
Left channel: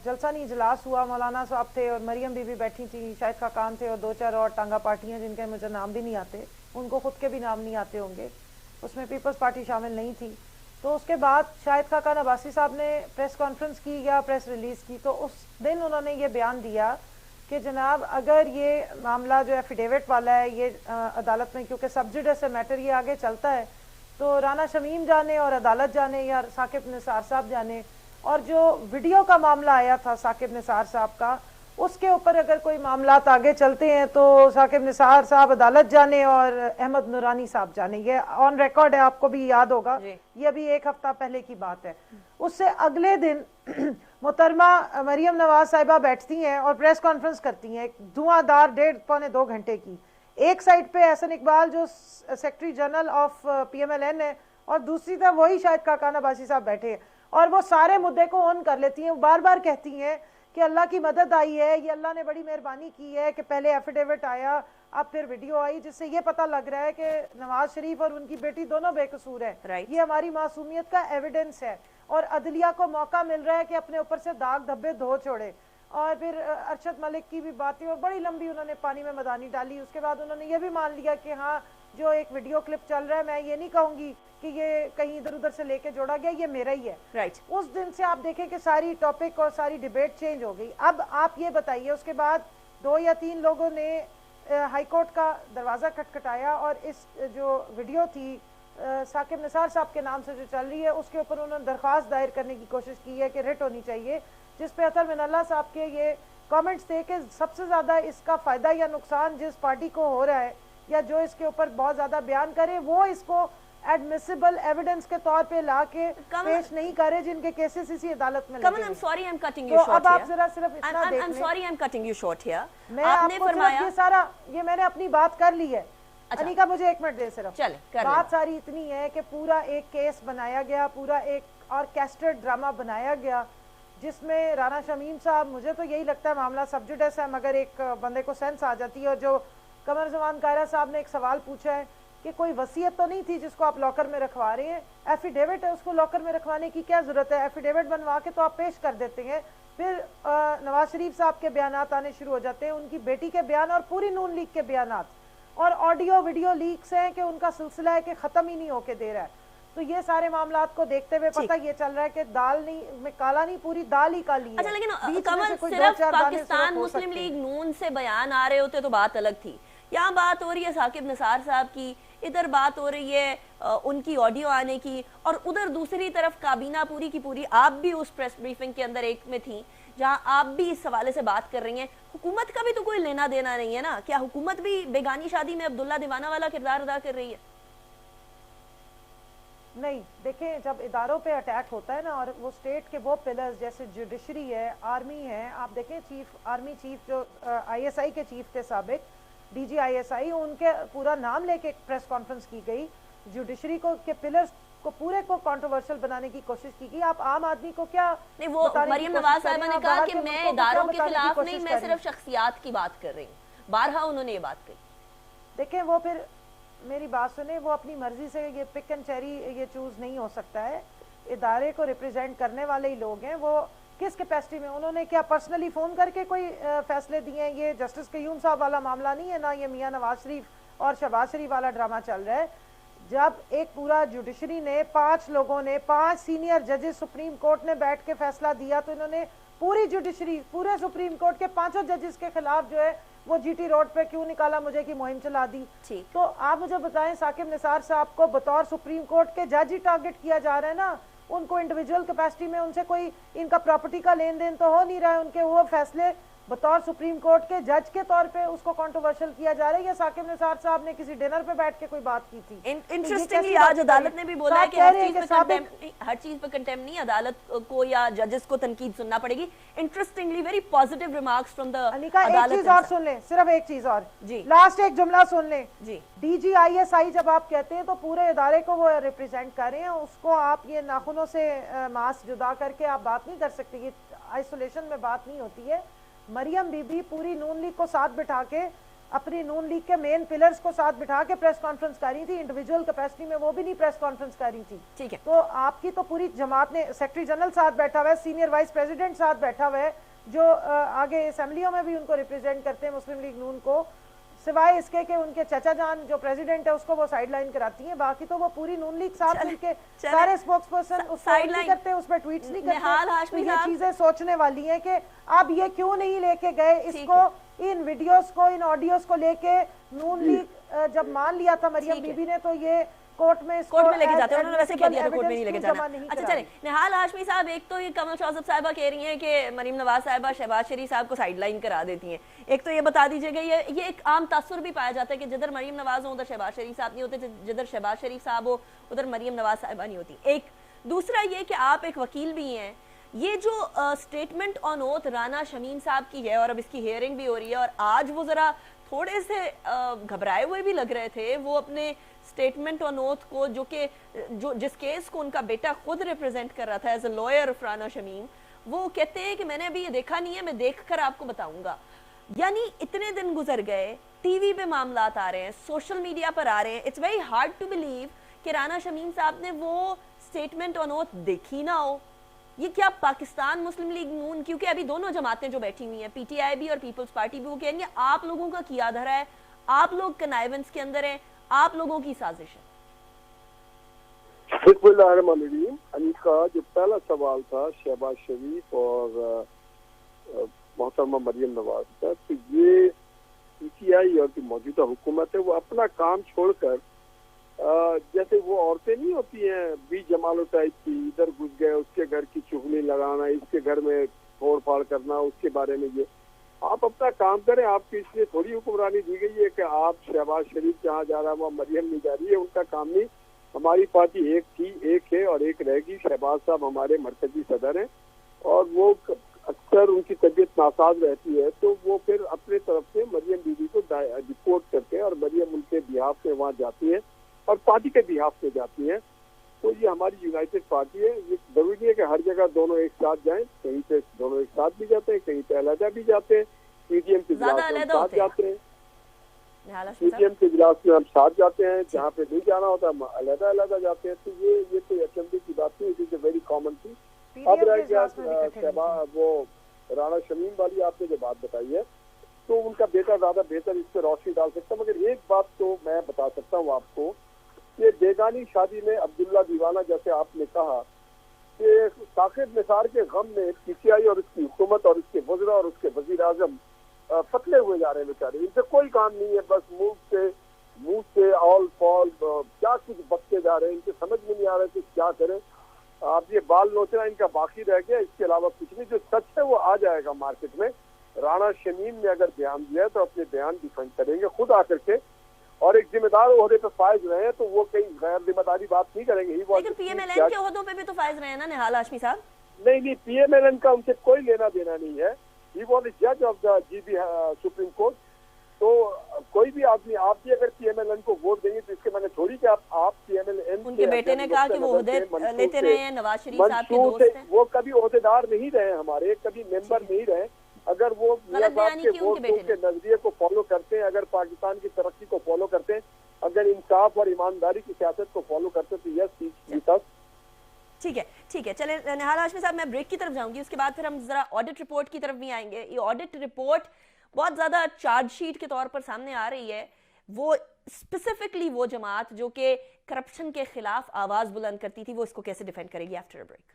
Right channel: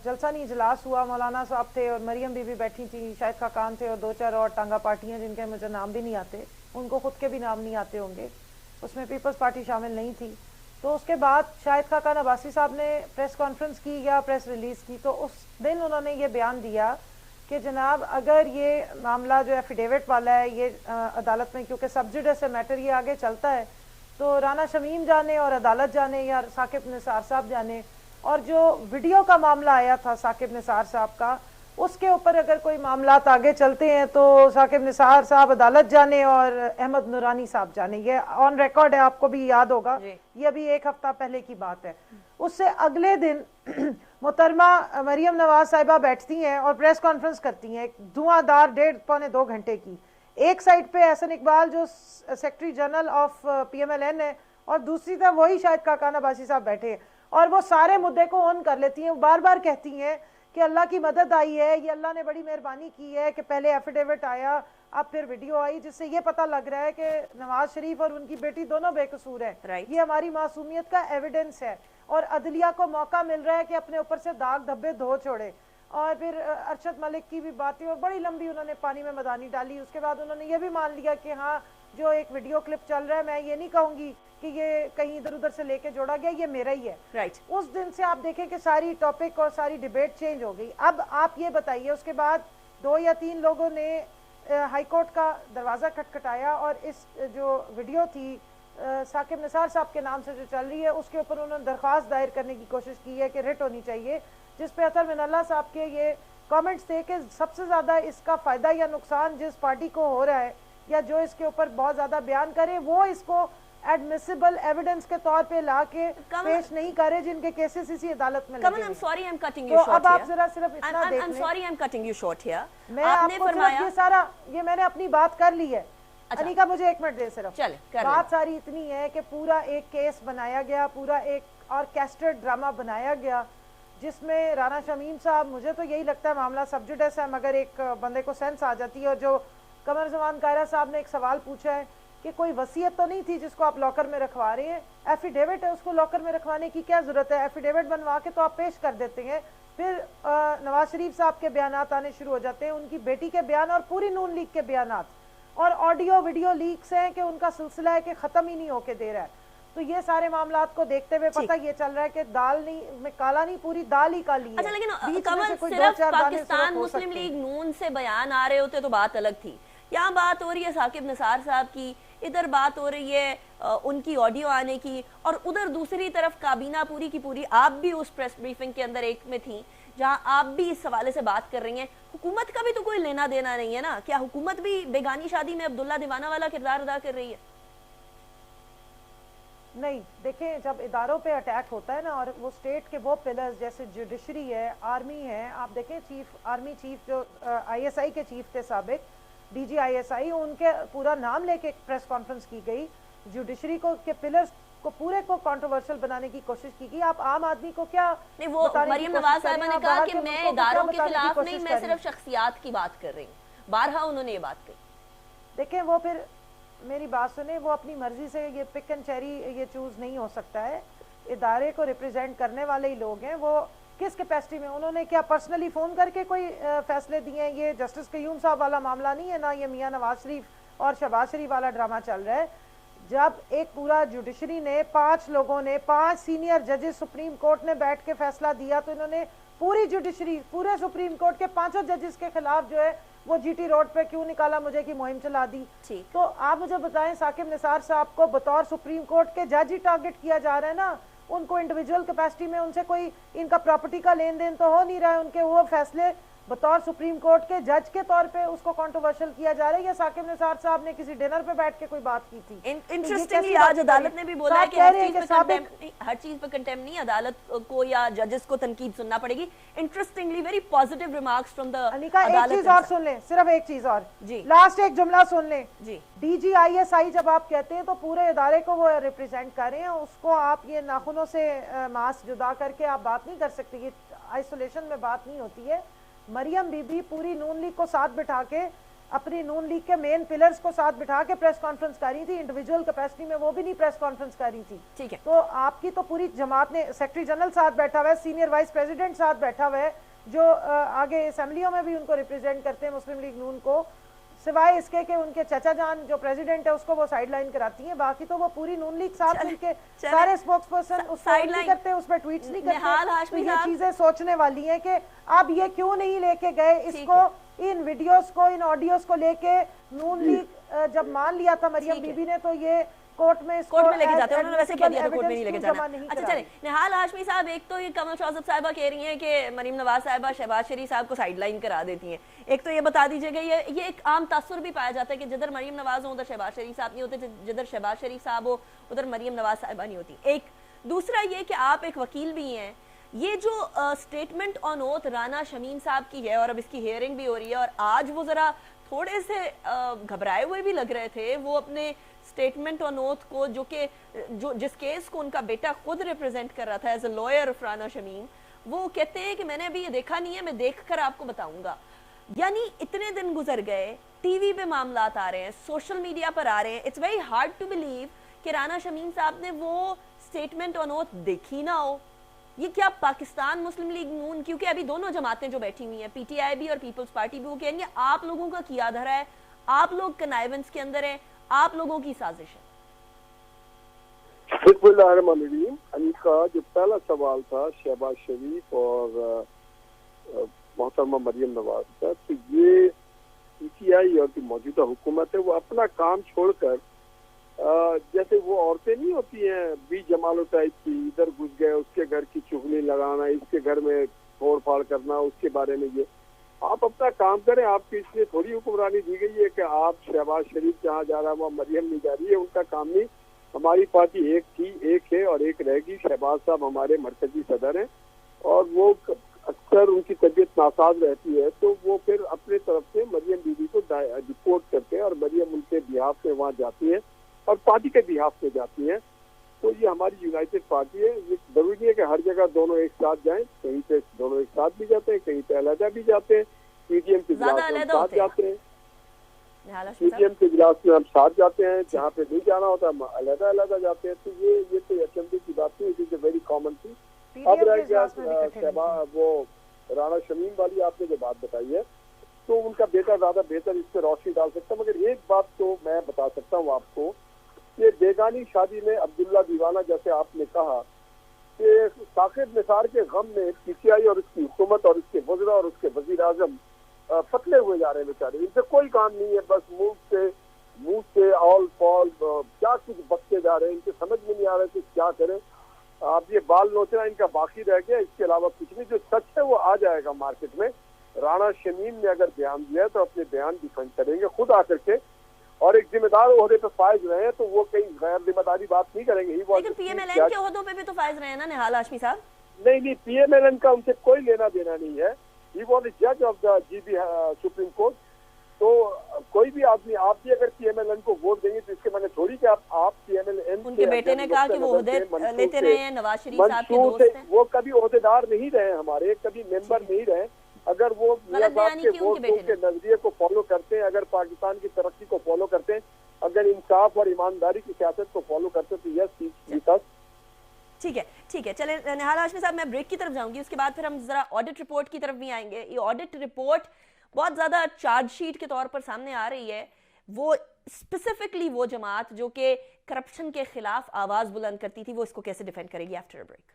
جلسہ نہیں اجلاس ہوا. مولانا صاحب تھے اور مریم بی بی بیٹھی تھی, شاہد خاقان تھے اور دو چار اور ٹانگا پارٹیاں جن کے مجھے نام بھی نہیں آتے, ان کو خود کے بھی نام نہیں آتے ہوں گے. اس میں پیپلز پارٹی شامل نہیں تھی. تو اس کے بعد شاہد خاقان عباسی صاحب نے پریس کانفرنس کی یا پریس ریلیز کی, تو اس دن انہوں نے یہ بیان دیا کہ جناب اگر یہ معاملہ جو ایفیڈیوٹ والا ہے یہ عدالت میں, کیونکہ سبجیڈے سے میٹر یہ آگے چلتا ہے, تو رانا شمیم جانے اور عدالت جانے یا ثاقب نثار صاحب جانے. اور جو ویڈیو کا معاملہ آیا تھا ثاقب نثار صاحب کا, اس کے اوپر اگر کوئی معاملات آگے چلتے ہیں تو ثاقب نثار صاحب عدالت جانے اور احمد نورانی صاحب جانے. یہ آن ریکارڈ ہے, آپ کو بھی یاد ہوگا, یہ بھی ایک ہفتہ پہلے کی بات ہے. اس سے اگلے دن محترمہ مریم نواز صاحبہ بیٹھتی ہیں اور پریس کانفرنس کرتی ہیں دھواں دار 1.5-2 گھنٹے کی. ایک سائڈ پہ احسن اقبال جو سیکرٹری جنرل آف PMLN ہے, اور دوسری طرف وہی شاہد خاقان عباسی صاحب بیٹھے ہیں, اور وہ سارے مدعے کو آن کر لیتی ہیں. وہ بار بار کہتی ہیں کہ اللہ کی مدد آئی ہے, یہ اللہ نے بڑی مہربانی کی ہے کہ پہلے ایفیڈیوٹ آیا, اب پھر ویڈیو آئی, جس سے یہ پتہ لگ رہا ہے کہ نواز شریف اور ان کی بیٹی دونوں بے قصور ہیں. یہ ہماری معصومیت کا ایویڈنس ہے, اور عدلیہ کو موقع مل رہا ہے کہ اپنے اوپر سے داغ دھبے دھو چھوڑے. اور پھر ارشد ملک کی بھی باتیں, اور بڑی لمبی انہوں نے پانی میں مدانی ڈالی. اس کے بعد انہوں نے یہ بھی مان لیا کہ ہاں جو ایک ویڈیو کلپ چل رہا ہے, میں یہ نہیں کہوں گی کہ یہ کہیں ادھر ادھر سے لے کے جوڑا گیا, یہ میرا ہی ہے. اس دن سے آپ دیکھیں کہ ساری ٹاپک اور ساری ڈیبیٹ چینج ہو گئی. اب آپ یہ بتائیے, اس کے بعد 2 یا 3 لوگوں نے ہائی کورٹ کا دروازہ کھٹکھٹایا, اور اس جو ویڈیو تھی ثاقب نثار صاحب کے نام سے جو چل رہی ہے, اس کے اوپر انہوں نے درخواست دائر کرنے کی کوشش کی ہے کہ ریٹ ہونی چاہیے, جس پہ اطہر من اللہ صاحب کے یہ کامنٹس تھے کہ سب سے زیادہ اس کا فائدہ یا نقصان جس پارٹی کو ہو رہا ہے, یا جو اس کے اوپر بہت زیادہ بیان کرے, وہ اس کو ایڈمیسیبل ایویڈنس کے طور پہ لا کے پیش نہیں کرے, جن کے کیسز اسی عدالت میں لگے. I'm sorry I'm cutting you short. اب آپ ذرا صرف اتنا دیکھ I'm لیں. sorry I'm cutting you short here. میں آپ کو صرف یہ سارا, یہ میں نے اپنی بات کر لی ہے. انیکا مجھے 1 منٹ دے صرف. بات ساری اتنی ہے کہ پورا ایک کیس بنایا گیا, پورا ایک آرکیسٹرڈ ڈرامہ بنایا گیا, جس میں رانا شمیم صاحب, مجھے تو یہی لگتا ہے معاملہ سبجیکٹس ہے, مگر ایک بندے کو سینس آ جاتی ہے. اور جو قمر زمان قاہرہ صاحب نے ایک سوال پوچھا ہے کہ کوئی وصیت تو نہیں تھی جس کو آپ لاکر میں رکھوا رہے ہیں, ایفیڈیوٹ ہے, اس کو لاکر میں رکھوانے کی کیا ضرورت ہے, ایفیڈیوٹ بنوا کے تو آپ پیش کر دیتے ہیں. پھر نواز شریف صاحب کے بیانات آنے شروع ہو جاتے ہیں, ان کی بیٹی کے بیان اور پوری نون لیگ کے بیانات, اور آڈیو ویڈیو لیکس ہیں کہ ان کا سلسلہ ہے کہ ختم ہی نہیں ہو کے دے رہا ہے. تو یہ سارے معاملات کو دیکھتے ہوئے پتہ یہ چل رہا ہے کہ دال نہیں میں کالا نہیں, پوری دال ہی کالی ہے. لیکن کمل صرف پاکستان مسلم لیگ نون سے بیان آ رہے ہوتے تو بات الگ تھی. یہاں بات ہو رہی ہے ثاقب نثار صاحب کی, ادھر بات ہو رہی ہے ان کی آڈیو آنے کی, اور ادھر دوسری طرف کابینہ پوری کی پوری, آپ بھی اس پریس بریفنگ کے اندر ایک میں تھیں جہاں آپ بھی اس حوالے سے بات کر رہی ہیں. حکومت کا بھی تو کوئی لینا دینا نہیں ہے نا, کیا حکومت بھی بیگانی شادی میں عبداللہ دیوانہ والا کردار ادا کر رہی ہے؟ نہیں, دیکھیں جب اداروں پہ اٹیک ہوتا ہے نا, اور وہ اسٹیٹ کے وہ پلرز جیسے جوڈیشری ہے, آرمی ہے, آپ دیکھیں آرمی چیف جو ISI کے چیف تھے سابق, DG ISI, ان کے پورا نام لے کے ایک پریس کانفرنس کی گئی. جوڈیشری کو کے پلرز کو پورے کو کنٹروورشل بنانے کی کوشش کی گئی. آپ عام آدمی کو کیا نہیں, وہ مریم نواز صاحبہ نے کہا کہ میں اداروں کے خلاف نہیں, میں صرف شخصیات کی بات کر رہی ہوں. بارہا انہوں نے یہ بات کہی. دیکھیں وہ پھر میری بات سنیں, وہ اپنی مرضی سے یہ پک اینڈ چیری یہ چوز نہیں ہو سکتا ہے. ادارے کو ریپرزینٹ کرنے والے ہی لوگ ہیں, وہ کس کیپیسٹی میں, انہوں نے کیا پرسنلی فون کر کے کوئی فیصلے دیے ہیں؟ یہ جسٹس قیوم صاحب والا معاملہ نہیں ہے, نہ یہ میاں نواز شریف اور شہباز شریف والا ڈرامہ چل رہا ہے. جب ایک پورا جوڈیشری نے 5 لوگوں نے 5 سینئر ججز سپریم کورٹ نے بیٹھ کے فیصلہ دیا, تو انہوں نے پوری جوڈیشری پورے سپریم کورٹ کے 5 ججز کے خلاف جو ہے وہ GT روڈ پہ کیوں نکالا مجھے کی مہم چلا دی. تو آپ مجھے بتائیں, ثاقب نثار صاحب کو بطور سپریم کورٹ کے جج ہی ٹارگٹ کیا جا رہا ہے نا, ان کو انڈیویجول کیپیسٹی میں ان سے کوئی ان کا پراپرٹی کا لین دین تو ہو نہیں رہا ہے. ان کے وہ فیصلے بطور سپریم کورٹ کے جج کے طور پہ اس کو کنٹروورشل کیا جا رہا ہے, یا ثاقب نثار صاحب نے کسی ڈنر پہ بیٹھ کے کوئی بات کی تھی؟ انٹرسٹنگلی آج عدالت نے بھی بولا ہے کہ ہر چیز پہ کنٹیم نہیں, عدالت کو یا ججز کو تنقید سننا پڑے گی. Interestingly very positive remarks from the انیکا. ایک چیز اور سن لیں, صرف ایک چیز اور, جی لاسٹ ایک جملہ سن لیں. جی DG ISI جب آپ کہتے ہیں تو پورے ادارے کو وہ ریپرزینٹ کر رہے ہیں, اس کو آپ یہ ناخنوں سے ماس جدا کر کے آپ بات نہیں کر سکتے, یہ آئسولیشن میں بات نہیں ہوتی ہے. مریم بی بی پوری نون لیگ کو ساتھ بٹھا کے, اپنی نون لیگ کے مین پلرز کو ساتھ بٹھا کے پریس کانفرنس کر رہی تھی. انڈیویجول کیپیسٹی میں وہ بھی نہیں پریس کانفرنس کر رہی تھی. ٹھیک ہے, تو آپ کی تو پوری جماعت نے, سیکرٹری جنرل ساتھ بیٹھا ہوا ہے, سینئر وائس پریزیڈنٹ ساتھ بیٹھا ہوا ہے, جو آگے اسمبلیوں میں بھی ان کو ریپرزینٹ کرتے ہیں مسلم لیگ نون کو, سوائے اس کے کہ ان کے چچا جان جو پریزیڈنٹ ہے اس کو وہ سائیڈ لائن کراتی ہیں. باقی تو وہ پوری نون لیگ ساتھ مل کے سارے اسپوکس پرسن اس کو نہیں کرتے, اس پہ ٹویٹس نہیں کرتے. یہ چیزیں سوچنے والی ہیں کہ اب یہ کیوں نہیں لے کے گئے اس کو, ان ویڈیوز کو, ان آڈیوز کو لے کے. نون لیگ جب مان لیا تھا مریم بی بی نے, تو یہ कोर्ट में लेके जाते हैं, उन्होंने वैसे कह दिया था कोर्ट में नहीं लेके जाना। नहीं अच्छा चले, निहाल हाशमी साहब, एक तो ये कमल शौसत साहबा कह रही हैं कि मरीम नवाज साहबा शहबाज शरीफ साहब को साइडलाइन करा देती हैं। एक तो ये बता दीजिएगा, ये एक आम तासुर भी पाया जाता है कि जिधर मरीम नवाज हो उधर शहबाज शरीफ साहब नहीं होते, जिधर शहबाज शरीफ साहब हो उधर मरीम नवाज साहबा नहीं होती। एक दूसरा ये कि आप एक वकील भी हैं, ये जो statement on oath Rana Shamim साहब की है और अब इसकी हियरिंग भी हो रही है, और आज वो जरा थोड़े से घबराए हुए भी लग रहे थे, वो अपने स्टेटमेंट ऑन ओथ को जो जिस केस को उनका बेटा खुद रिप्रेजेंट कर रहा था as a lawyer of Rana Shamim, वो कहते हैं कि मैंने अभी ये देखा नहीं है, मैं देखकर आपको बताऊंगा। यानी इतने दिन गुजर गए, टीवी पे मामलात आ रहे हैं, सोशल मीडिया पर आ रहे हैं, it's very hard to believe कि राना शमीम साहब ने वो स्टेटमेंट ऑन ओथ देखी ना हो। ये क्या पाकिस्तान मुस्लिम लीग नून, क्योंकि अभी दोनों जमातें जो बैठी हुई हैं, पीटीआई भी और पीपल्स पार्टी भी, वो कहेंगे आप लोगों का किया धरा है, आप लोग कनाइवेंस के अंदर हैं, आप लोगों की साजिश है। अनिका, जो पहला सवाल था शहबाज शरीफ और मोहतरमा मरियम नवाज का, तो ये पीटीआई और जो मौजूदा हुकूमत है वो अपना काम छोड़कर जैसे वो औरतें नहीं होती हैं बी जमालो टाइप की, इधर घुस गए, उसके घर की चुगली लगाना, इसके घर में फोड़ फाड़ करना, उसके बारे में ये आप अपना काम करें। आपकी इसलिए थोड़ी हुक्मरानी दी गई है कि आप शहबाज शरीफ जहाँ जा रहा है वहाँ मरियम नहीं जा रही है, उनका काम नहीं। हमारी पार्टी एक थी, एक है और एक रहेगी। शहबाज साहब हमारे मरकजी सदर हैं और वो अक्सर उनकी तबीयत नासाज रहती है तो वो फिर अपने तरफ से मरियम बीबी को रिपोर्ट करते हैं और मरियम उनके बिहाफ से वहाँ जाती है और पार्टी के बिहाफ से जाती है। तो ये हमारी यूनाइटेड पार्टी है। ये जरूरी है कि हर जगह दोनों एक साथ जाएं, कहीं पे दोनों एक साथ भी जाते हैं, कहीं पे अलग भी जाते हैं। पीडीएम के इजलास में हम साथ जाते हैं, पीडीएम के इजलास में हम साथ जाते हैं, जहाँ पे नहीं जाना होता हम अलग जाते हैं। तो ये तो अचंभे की बात नहीं, it is a very common thing. अब रह गया वो राना शमीम वाली आपने जो बात बताई है, तो उनका बेटा ज्यादा बेहतर इस पर रोशनी डाल सकता। मगर एक बात तो मैं बता सकता हूँ आपको, ये बेगानी शादी में अब्दुल्ला दीवाना, जैसे आपने कहा कि साकिब निसार के गम में पीटीआई और उसकी हुकूमत और उसके वज़रा और उसके वजीर आजम पतले हुए जा रहे हैं बेचारे। इनसे कोई काम नहीं है, बस मुंह से ऑल फॉल क्या कुछ बकते जा रहे हैं। इनसे समझ में नहीं आ रहा कि क्या करें। आप ये बाल नोचना इनका बाकी रह गया, इसके अलावा कुछ नहीं। जो सच है वो आ जाएगा मार्केट में। राना शमीम ने अगर बयान दिया है तो अपने बयान डिफेंड करेंगे खुद आकर के, और एक जिम्मेदार ओहदे पे फायज रहे हैं तो वो कहीं गैर जिम्मेदारी बात नहीं करेंगे। लेकिन पीएमएलएन के ओहदों पे भी तो फायज रहे हैं ना निहाल हाशमी साहब? नहीं, पीएमएलएन का उनसे कोई लेना देना नहीं है। ही वाज द जज of the GB supreme court. तो कोई भी आदमी, आप भी अगर पीएमएलएन को वोट देंगे तो इसके मैंने थोड़ी कि आप पीएमएलएन, उनके बेटे ने कहा कि वो ओहदे लेते रहे हैं, नवाज शरीफ साहब के दोस्त हैं। वो कभी ओहदेदार नहीं रहे हमारे, कभी मेंबर नहीं रहे। अगर वो मियां साहब के वोट के नजरिए को फॉलो करते हैं, अगर पाकिस्तान की तरक्की को फॉलो करते हैं, अगर इंसाफ और ईमानदारी की सियासत को फॉलो करते हैं तो यस जीता। ठीक है चले निहाल हाशमी साहब, मैं ब्रेक की तरफ जाऊंगी, उसके बाद फिर हम जरा ऑडिट रिपोर्ट की तरफ भी आएंगे। ये ऑडिट रिपोर्ट बहुत ज्यादा चार्जशीट के तौर पर सामने आ रही है। वो स्पेसिफिकली वो जमात जो कि करप्शन के खिलाफ आवाज बुलंद करती थी, वो इसको कैसे डिफेंड करेगी after a break.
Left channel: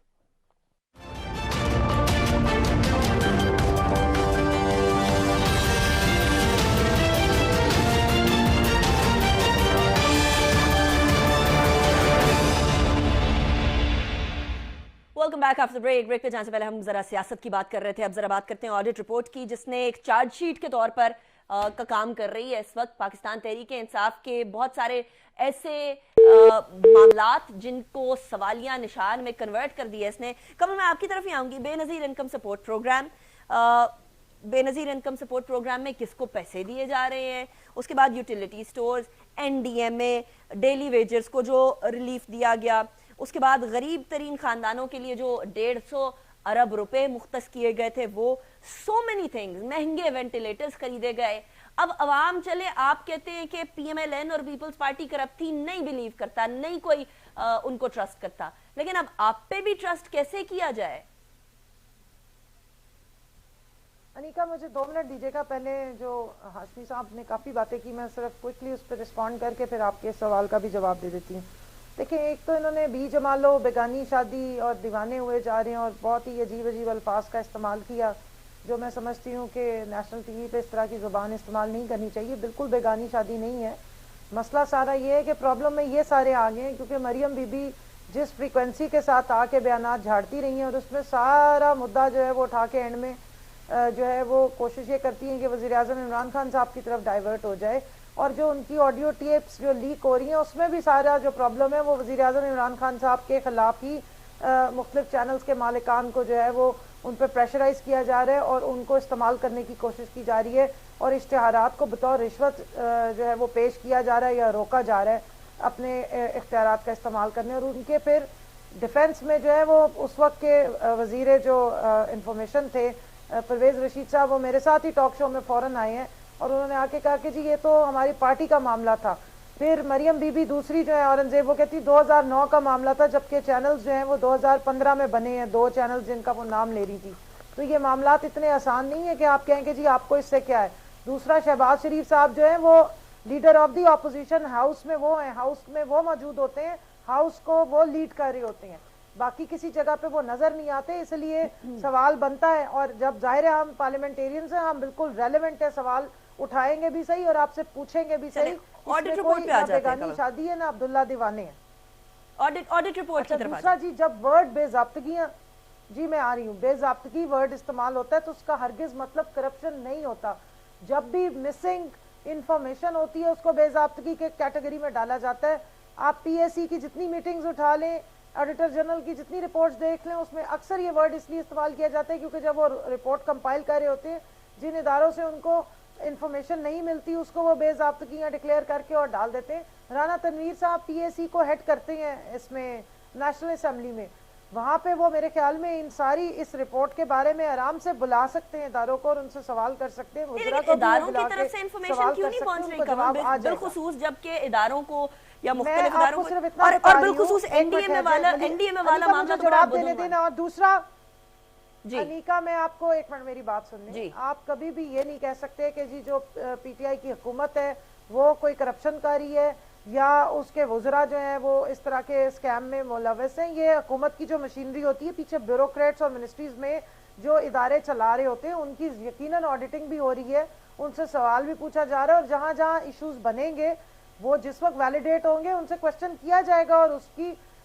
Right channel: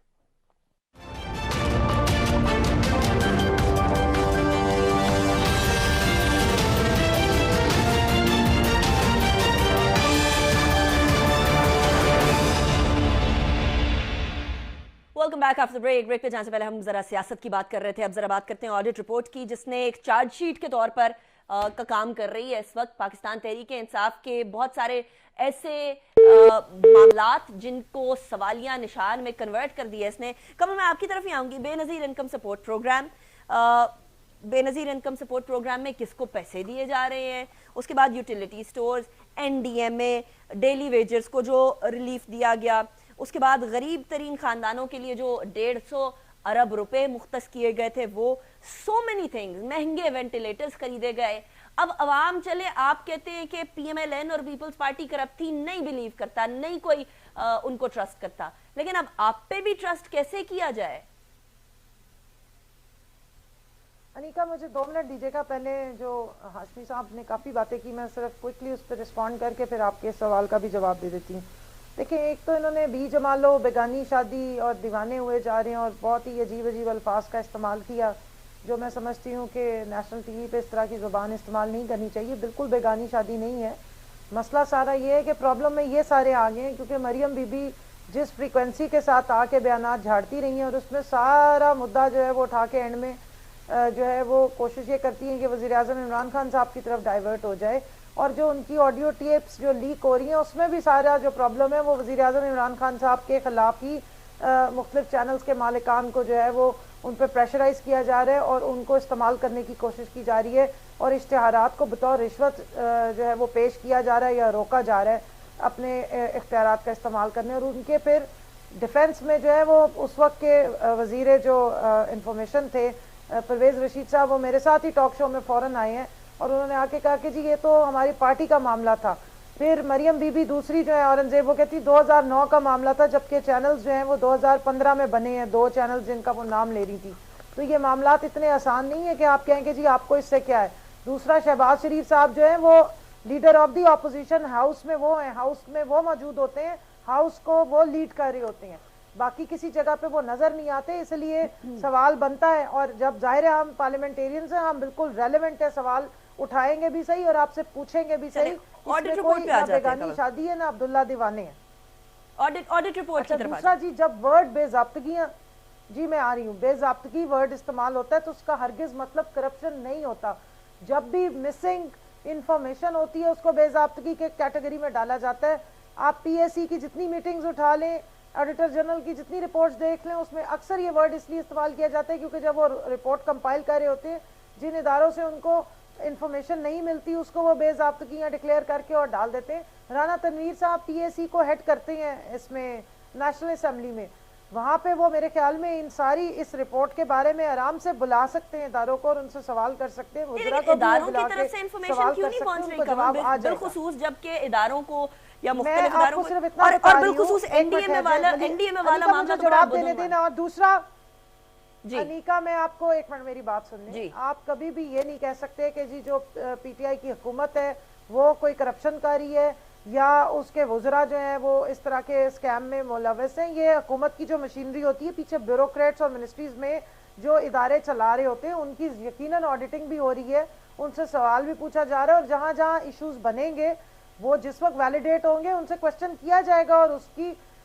Welcome back after break. Break पे जाने से पहले हम जरा सियासत की बात कर रहे थे, अब जरा बात करते हैं ऑडिट रिपोर्ट की, जिसने एक चार्जशीट के तौर पर का काम कर रही है इस वक्त पाकिस्तान तहरीक इंसाफ के बहुत सारे ऐसे मामलात जिनको सवालिया निशान में कन्वर्ट कर दिया इसने। कमल, मैं आपकी तरफ ही आऊंगी। Benazir income support program, Benazir income support program में किसको पैसे दिए जा रहे हैं, उसके बाद utility stores, NDMA, daily wages को जो रिलीफ दिया गया, उसके बाद गरीब तरीन खानदानों के लिए जो 150 अरब रुपए मुख्तस किए गए थे, वो सो मेनी थिंग्स, महंगे वेंटिलेटर्स खरीदे गए। अब अवाम चले, आप कहते हैं कि पीएमएलएन और पीपल्स पार्टी करप्ट थी, नहीं बिलीव करता, नहीं कोई उनको ट्रस्ट करता, लेकिन अब आप पे भी ट्रस्ट कैसे किया जाए? अनिका, मुझे 2 मिनट दीजिएगा। पहले जो हाशमी साहब ने काफी बातें की, मैं सिर्फ क्विकली उस पर रिस्पॉन्ड करके फिर आपके सवाल का भी जवाब दे देती हूँ। देखिए, एक तो इन्होंने बी जमा लो, बेगानी शादी और दीवाने हुए जा रहे हैं, और बहुत ही अजीब अल्फाज का इस्तेमाल किया, जो मैं समझती हूँ कि नेशनल टीवी पे इस तरह की ज़ुबान इस्तेमाल नहीं करनी चाहिए। बिल्कुल बेगानी शादी नहीं है, मसला सारा ये है कि प्रॉब्लम में ये सारे आ गए हैं क्योंकि मरियम बीबी जिस फ्रीक्वेंसी के साथ आके बयानात झाड़ती रही हैं और उसमें सारा मुद्दा जो है वो उठा के एंड में जो है वो कोशिश ये करती हैं कि वज़ीर-ए-आज़म इमरान खान साहब की तरफ डाइवर्ट हो जाए, और जो उनकी ऑडियो टेप्स जो लीक हो रही हैं उसमें भी सारा जो प्रॉब्लम है वो वज़ीर-ए-आज़म इमरान खान साहब के खिलाफ ही मुख्तलिफ चैनल्स के मालिकान को जो है वो उन पर प्रेशराइज किया जा रहा है और उनको इस्तेमाल करने की कोशिश की जा रही है और इश्तिहारात को बतौर रिश्वत जो है वो पेश किया जा रहा है या रोका जा रहा है अपने इख्तियारात का इस्तेमाल करने। और उनके फिर डिफेंस में जो है वो उस वक्त के वजीर जो इंफॉर्मेशन थे परवेज रशीद साहब, वो मेरे साथ ही टॉक शो में फौरन आए हैं और उन्होंने आके कहा कि जी ये तो हमारी पार्टी का मामला था। फिर मरियम बीबी दूसरी जो है औरंगजेब, वो कहती 2009 का मामला था, जबकि चैनल्स जो हैं वो 2015 में बने हैं, 2 चैनल्स जिनका वो नाम ले रही थी। तो ये मामलात इतने आसान नहीं है कि आप कहें कि जी आपको इससे क्या है। दूसरा, शहबाज शरीफ साहब जो है वो leader of the opposition, house में वो हैं, हाउस में वो मौजूद होते हैं, हाउस को वो लीड कर रहे होते हैं, बाकी किसी जगह पे वो नजर नहीं आते। इसलिए सवाल बनता है और जब जाहिर है हम पार्लियामेंटेरियंस हैं, हम बिल्कुल रेलेवेंट है, सवाल उठाएंगे भी सही और आपसे पूछेंगे भी सही। ऑडिट रिपोर्ट पे आ जाते हैं। बेगानी शादी है ना अब्दुल्ला दीवाने है। ऑडिट रिपोर्ट की तरफ दूसरा जी, जब वर्ड बेज़ाब्तगी, जी मैं आ रही हूँ, बेज़ाब्तगी वर्ड इस्तेमाल होता है तो उसका हरगिज मतलब करप्शन नहीं होता। जब भी मिसिंग इंफॉर्मेशन होती है उसको बेज़ाब्तगी के कैटेगरी में डाला जाता है। आप पीएसी की जितनी मीटिंग्स उठा लें, ऑडिटर जनरल की जितनी रिपोर्ट्स देख लें, उसमें अक्सर ये वर्ड इसलिए इस्तेमाल किया जाता है क्योंकि जब वो रिपोर्ट कंपाइल कर रहे होते हैं, जिन इदारों से उनको इंफॉर्मेशन नहीं मिलती उसको वो बेज़ाब्तगियां डिक्लेयर करके और डाल देते हैं। राना तनवीर साहब पीएसी को हेड करते हैं इसमें नेशनल असेंबली में, वहां पे वो मेरे ख्याल में इन सारी इस रिपोर्ट के बारे में आराम से बुला सकते हैं इदारों को और उनसे सवाल कर सकते हैं। इदारों की तरफ से इंफॉर्मेशन क्यों नहीं पहुंच रही कमल, बिलखुसूस जबकि इदारों को या मुख्तलिफ इदारों को, और बिलखुसूस एनडीए में वाला मामला जवाब देने देना। और दूसरा अनीका, मैं आपको एक मिनट मेरी बात सुन लें। आप कभी भी ये नहीं कह सकते कि जी जो पीटीआई की हुकूमत है वो कोई करप्शन कारी है या उसके वज़रा जो हैं वो इस तरह के स्कैम में मुलव्वस हैं। ये हुकूमत की जो मशीनरी होती है, पीछे ब्यूरोक्रेट्स और मिनिस्ट्रीज में जो इदारे चला रहे होते हैं, उनकी यकीनन ऑडिटिंग भी हो रही है, उनसे सवाल भी पूछा जा रहा है और जहां जहां इश्यूज बनेंगे वो जिस वक्त वैलिडेट होंगे उनसे क्वेश्चन किया जाएगा और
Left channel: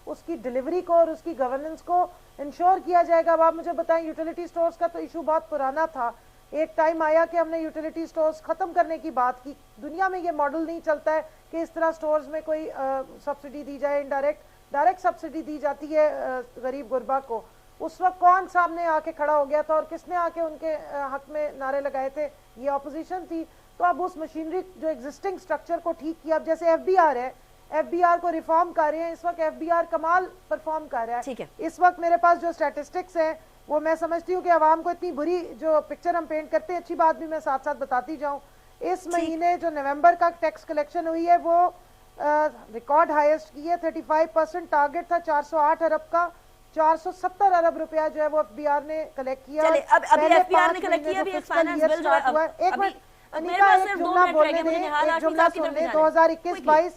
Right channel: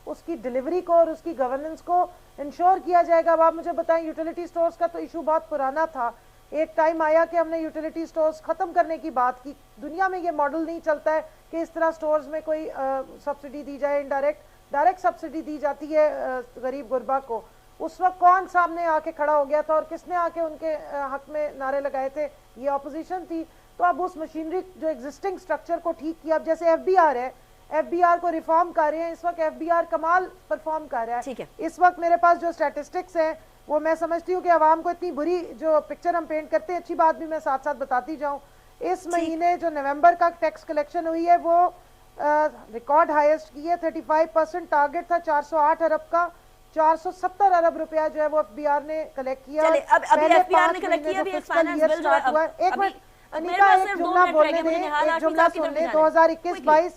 उसकी डिलीवरी को और उसकी गवर्नेंस को इंश्योर किया जाएगा। अब आप मुझे बताएं, यूटिलिटी स्टोर्स का तो इशू बहुत पुराना था, एक टाइम आया कि हमने यूटिलिटी स्टोर्स खत्म करने की बात की। दुनिया में ये मॉडल नहीं चलता है कि इस तरह स्टोर्स में कोई सब्सिडी दी जाए, डायरेक्ट सब्सिडी दी जाती है गरीब गुरबा को। उस वक्त कौन सामने आके खड़ा हो गया था और किसने आके उनके हक में नारे लगाए थे? ये अपोजिशन थी। तो अब उस मशीनरी जो एग्जिस्टिंग स्ट्रक्चर को ठीक किया, अब जैसे एफबीआर है, एफबीआर को रिफॉर्म कर रहे हैं इस वक्त, एफबीआर कमाल परफॉर्म कर रहा है। इस वक्त मेरे पास जो स्टैटिस्टिक्स है वो मैं समझती हूँ कि आवाम को इतनी बुरी जो पिक्चर हम पेंट करते हैं, अच्छी बात भी मैं साथ साथ बताती जाऊँ। इस महीने जो नवंबर का टैक्स कलेक्शन हुई है वो रिकॉर्ड हाईएस्ट की है, 35%। टारगेट था 408 अरब का, 470 अरब रुपया जो है वो एफबीआर ने कलेक्ट किया। एक मिनट अनीका, एक जुमला बोलने दें, एक जुमला सुन ले। 2021-22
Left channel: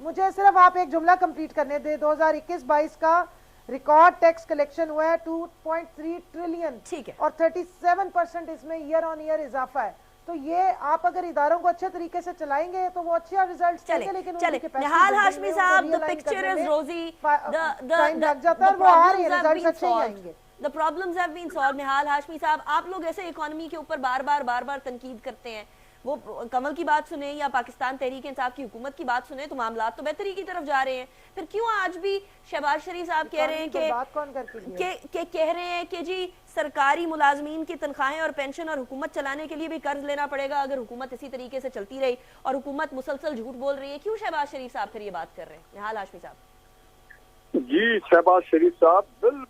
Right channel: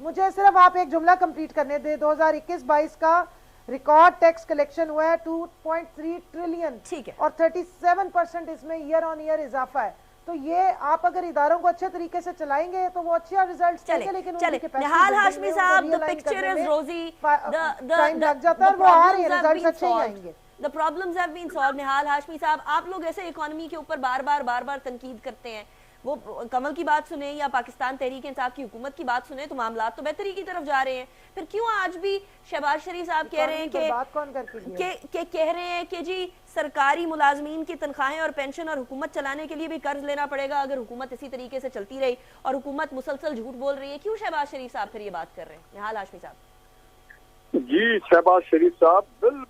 मुझे सिर्फ आप एक जुमला कंप्लीट करने दे। 2021-22 का रिकॉर्ड टैक्स कलेक्शन हुआ है 2.3 ट्रिलियन, ठीक है, और 37% इसमें ईयर ऑन ईयर इजाफा है। तो ये आप अगर इदारों को अच्छे तरीके से चलाएंगे तो वो अच्छे रिजल्ट्स देंगे। लेकिन निहाल हाशमी साहब, द पिक्चर इज रोजी, टाइम लग जाता है, वो आ रहे हैं, रिजल्ट्स अच्छे ही आएंगे। The problems have been solved। निहाल हाशमी साहब, आप लोग ऐसे इकोनॉमी के ऊपर बार बार तनकीद करते हैं, वो कमल की बात सुने या पाकिस्तान तहरीक इंसाफ की हुकूमत की बात सुने तो मामला तो बेहतरी की तरफ जा रहे हैं। फिर क्यों आज भी शहबाज शरीफ साहब कह रहे हैं कि कह रहे हैं कि जी सरकारी मुलाजमीन की तनख्वाहें और पेंशन और हुकूमत चलाने के लिए भी कर्ज लेना पड़ेगा अगर हुकूमत इसी तरीके से चलती रही, और हुकूमत मुसलसल झूठ बोल रही है। क्यों शहबाज शरीफ साहब फिर ये बात कर रहे हैं? निहाल हाशमी साहब जी, शहबाज शरीफ साहब बिल्कुल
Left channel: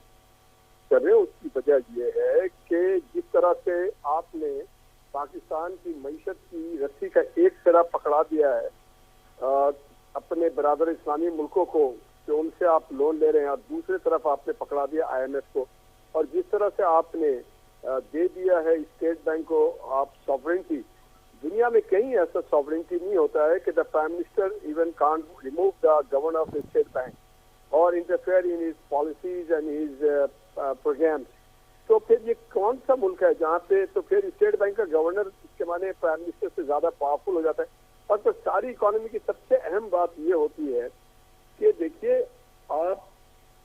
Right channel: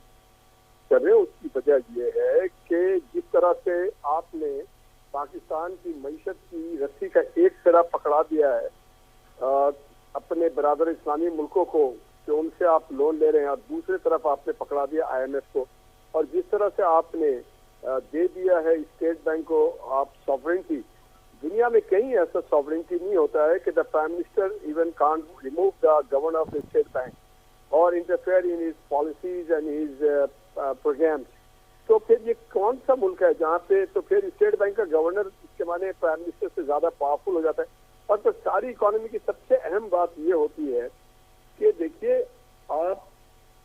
कर रहे हैं। उसकी वजह यह है कि जिस तरह से आपने पाकिस्तान की मईशत की रस्सी का एक सिरा पकड़ा दिया है अपने बराबर इस्लामी मुल्कों को, कि उनसे आप लोन ले रहे हैं, और दूसरी तरफ आपने पकड़ा दिया IMF को, और जिस तरह से आपने दे दिया है स्टेट बैंक को आप सॉवरेनिटी। दुनिया में कहीं ऐसा सॉवरेनिटी नहीं होता है कि the prime minister even can't remove the governor of the State Bank और interfere in his policies and his programmes. तो फिर ये कौन सा मुल्क है जहाँ पे तो फिर स्टेट बैंक का गवर्नर इसके माने प्राइम मिनिस्टर से ज्यादा पावरफुल हो जाता है? اور تو ساری اکانومی کی سب سے اہم بات یہ ہوتی ہے کہ دیکھیے آپ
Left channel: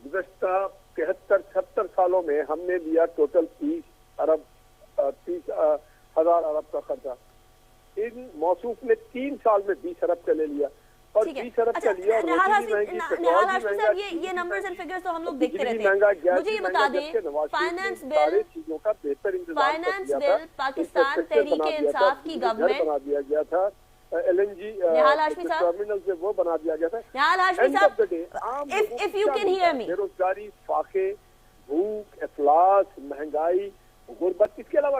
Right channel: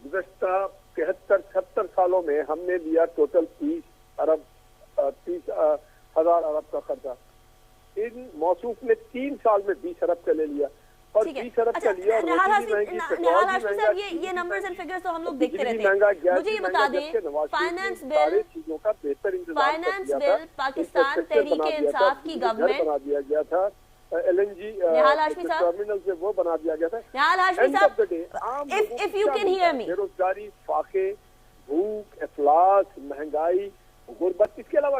گزشتہ 71-76 سالوں میں ہم نے لیا ٹوٹل 30,000 ارب کا خرچہ. ان موصوف نے 3 سال میں 20 ارب کا لے لیا اور ٹھیک ہے. 20 ارب اچھا کا لیا. نہال ہاشمی صاحب یہ نمبرز اینڈ فگرز تو ہم لوگ دیکھتے رہتے ہیں. مجھے یہ بتا دیں فائنانس بل چیزوں کا بہتر فائنانس بل پاکستان تحریک انصاف کی گورنمنٹ بنا دیا گیا تھا. L N G Nihal Hashmi صاحب ٹرمینل سے وہ بنا دیا گیا تھا. نہال ہاشمی صاحب if you can hear me بے روزگاری, فاقے, بھوک, افلاس, مہنگائی, غربت, اس کے علاوہ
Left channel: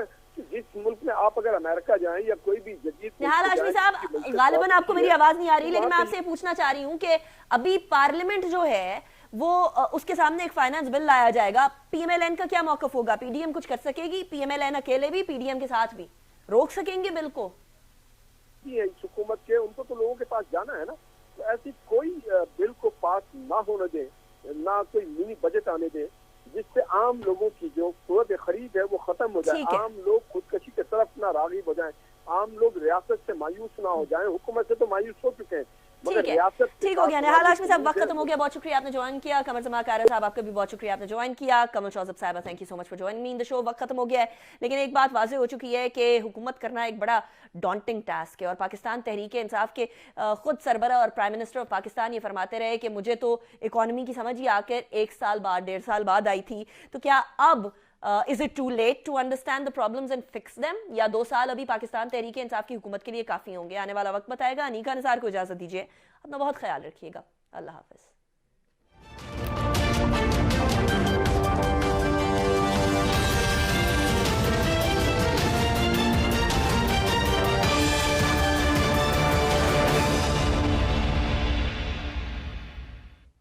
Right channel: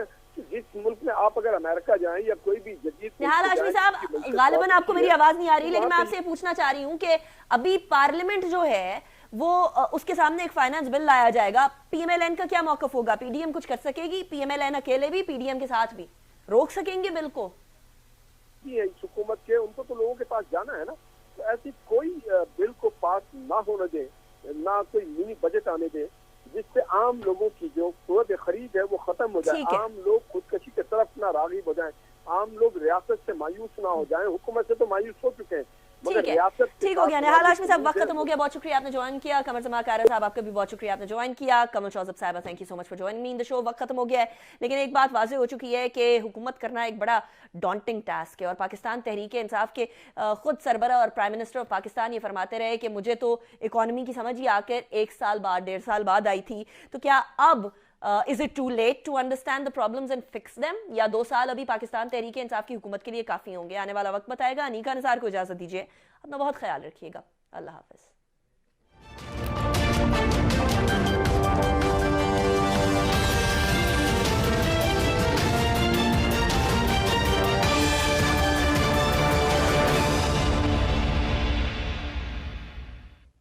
جس ملک میں آپ اگر امریکہ جائیں یا کوئی بھی جدید نہال ہاشمی صاحب غالباً آپ کو میری آواز نہیں آ رہی, لیکن میں آپ سے یہ پوچھنا چاہ رہی ہوں کہ ابھی پارلیمنٹ جو ہے وہ اس کے سامنے ایک فائنانس بل لایا جائے گا, پی ایم ایل این کا کیا موقف ہوگا؟ پی ڈی ایم کچھ کر سکے گی؟ پی ایم ایل این اکیلے بھی, پی ڈی ایم کے ساتھ بھی روک سکیں گے بل کو؟ اس حکومت کے ان کو تو لوگوں کے پاس جانا ہے نا, تو ایسی کوئی بل کو پاس نہ ہونے دے, نہ کوئی منی بجٹ آنے دے جس سے عام لوگوں کی جو قوت خرید ہے وہ ختم ہو جائے, عام لوگ خودکشی کی طرف نہ راغب ہو جائیں, عام لوگ ریاست سے مایوس نہ ہو جائیں. حکومت سے تو مایوس ہو چکے ہیں. ٹھیک ہے, ٹھیک ہو گیا. نہال ہاشمی صاحب وقت ختم ہو گیا, بہت شکریہ آپ نے جوائن کیا. قمر زمان قائرہ صاحب آپ کا بھی بہت شکریہ آپ نے جوائن کیا. کمل شوذب صاحبہ thank you so much for joining me in the show. وقت ختم ہو گیا ہے, لیکن ایک بات واضح ہو چکی ہے کہ حکومت کرنا ایک بڑا ڈانٹنگ ٹاسک ہے, اور پاکستان تحریک انصاف کے خود سربراہ اور پرائم منسٹر آف پاکستان یہ فرماتے رہے کہ مجھے تو اکانومی کی سمجھ ہی آ کر 1 سال بعد 1.5 سال بعد آئی تھی, تو کیا اب is it too late to understand the problems and fix them, یا 2 سال ابھی پاکستان تحریک انصاف کی حکومت کے لیے کافی ہوں گے؟ آنے والا وقت بتائے گا. انیکا نثار کو اجازت دیجیے, اپنا بہت خیال رکھیے گا. اللہ حافظ.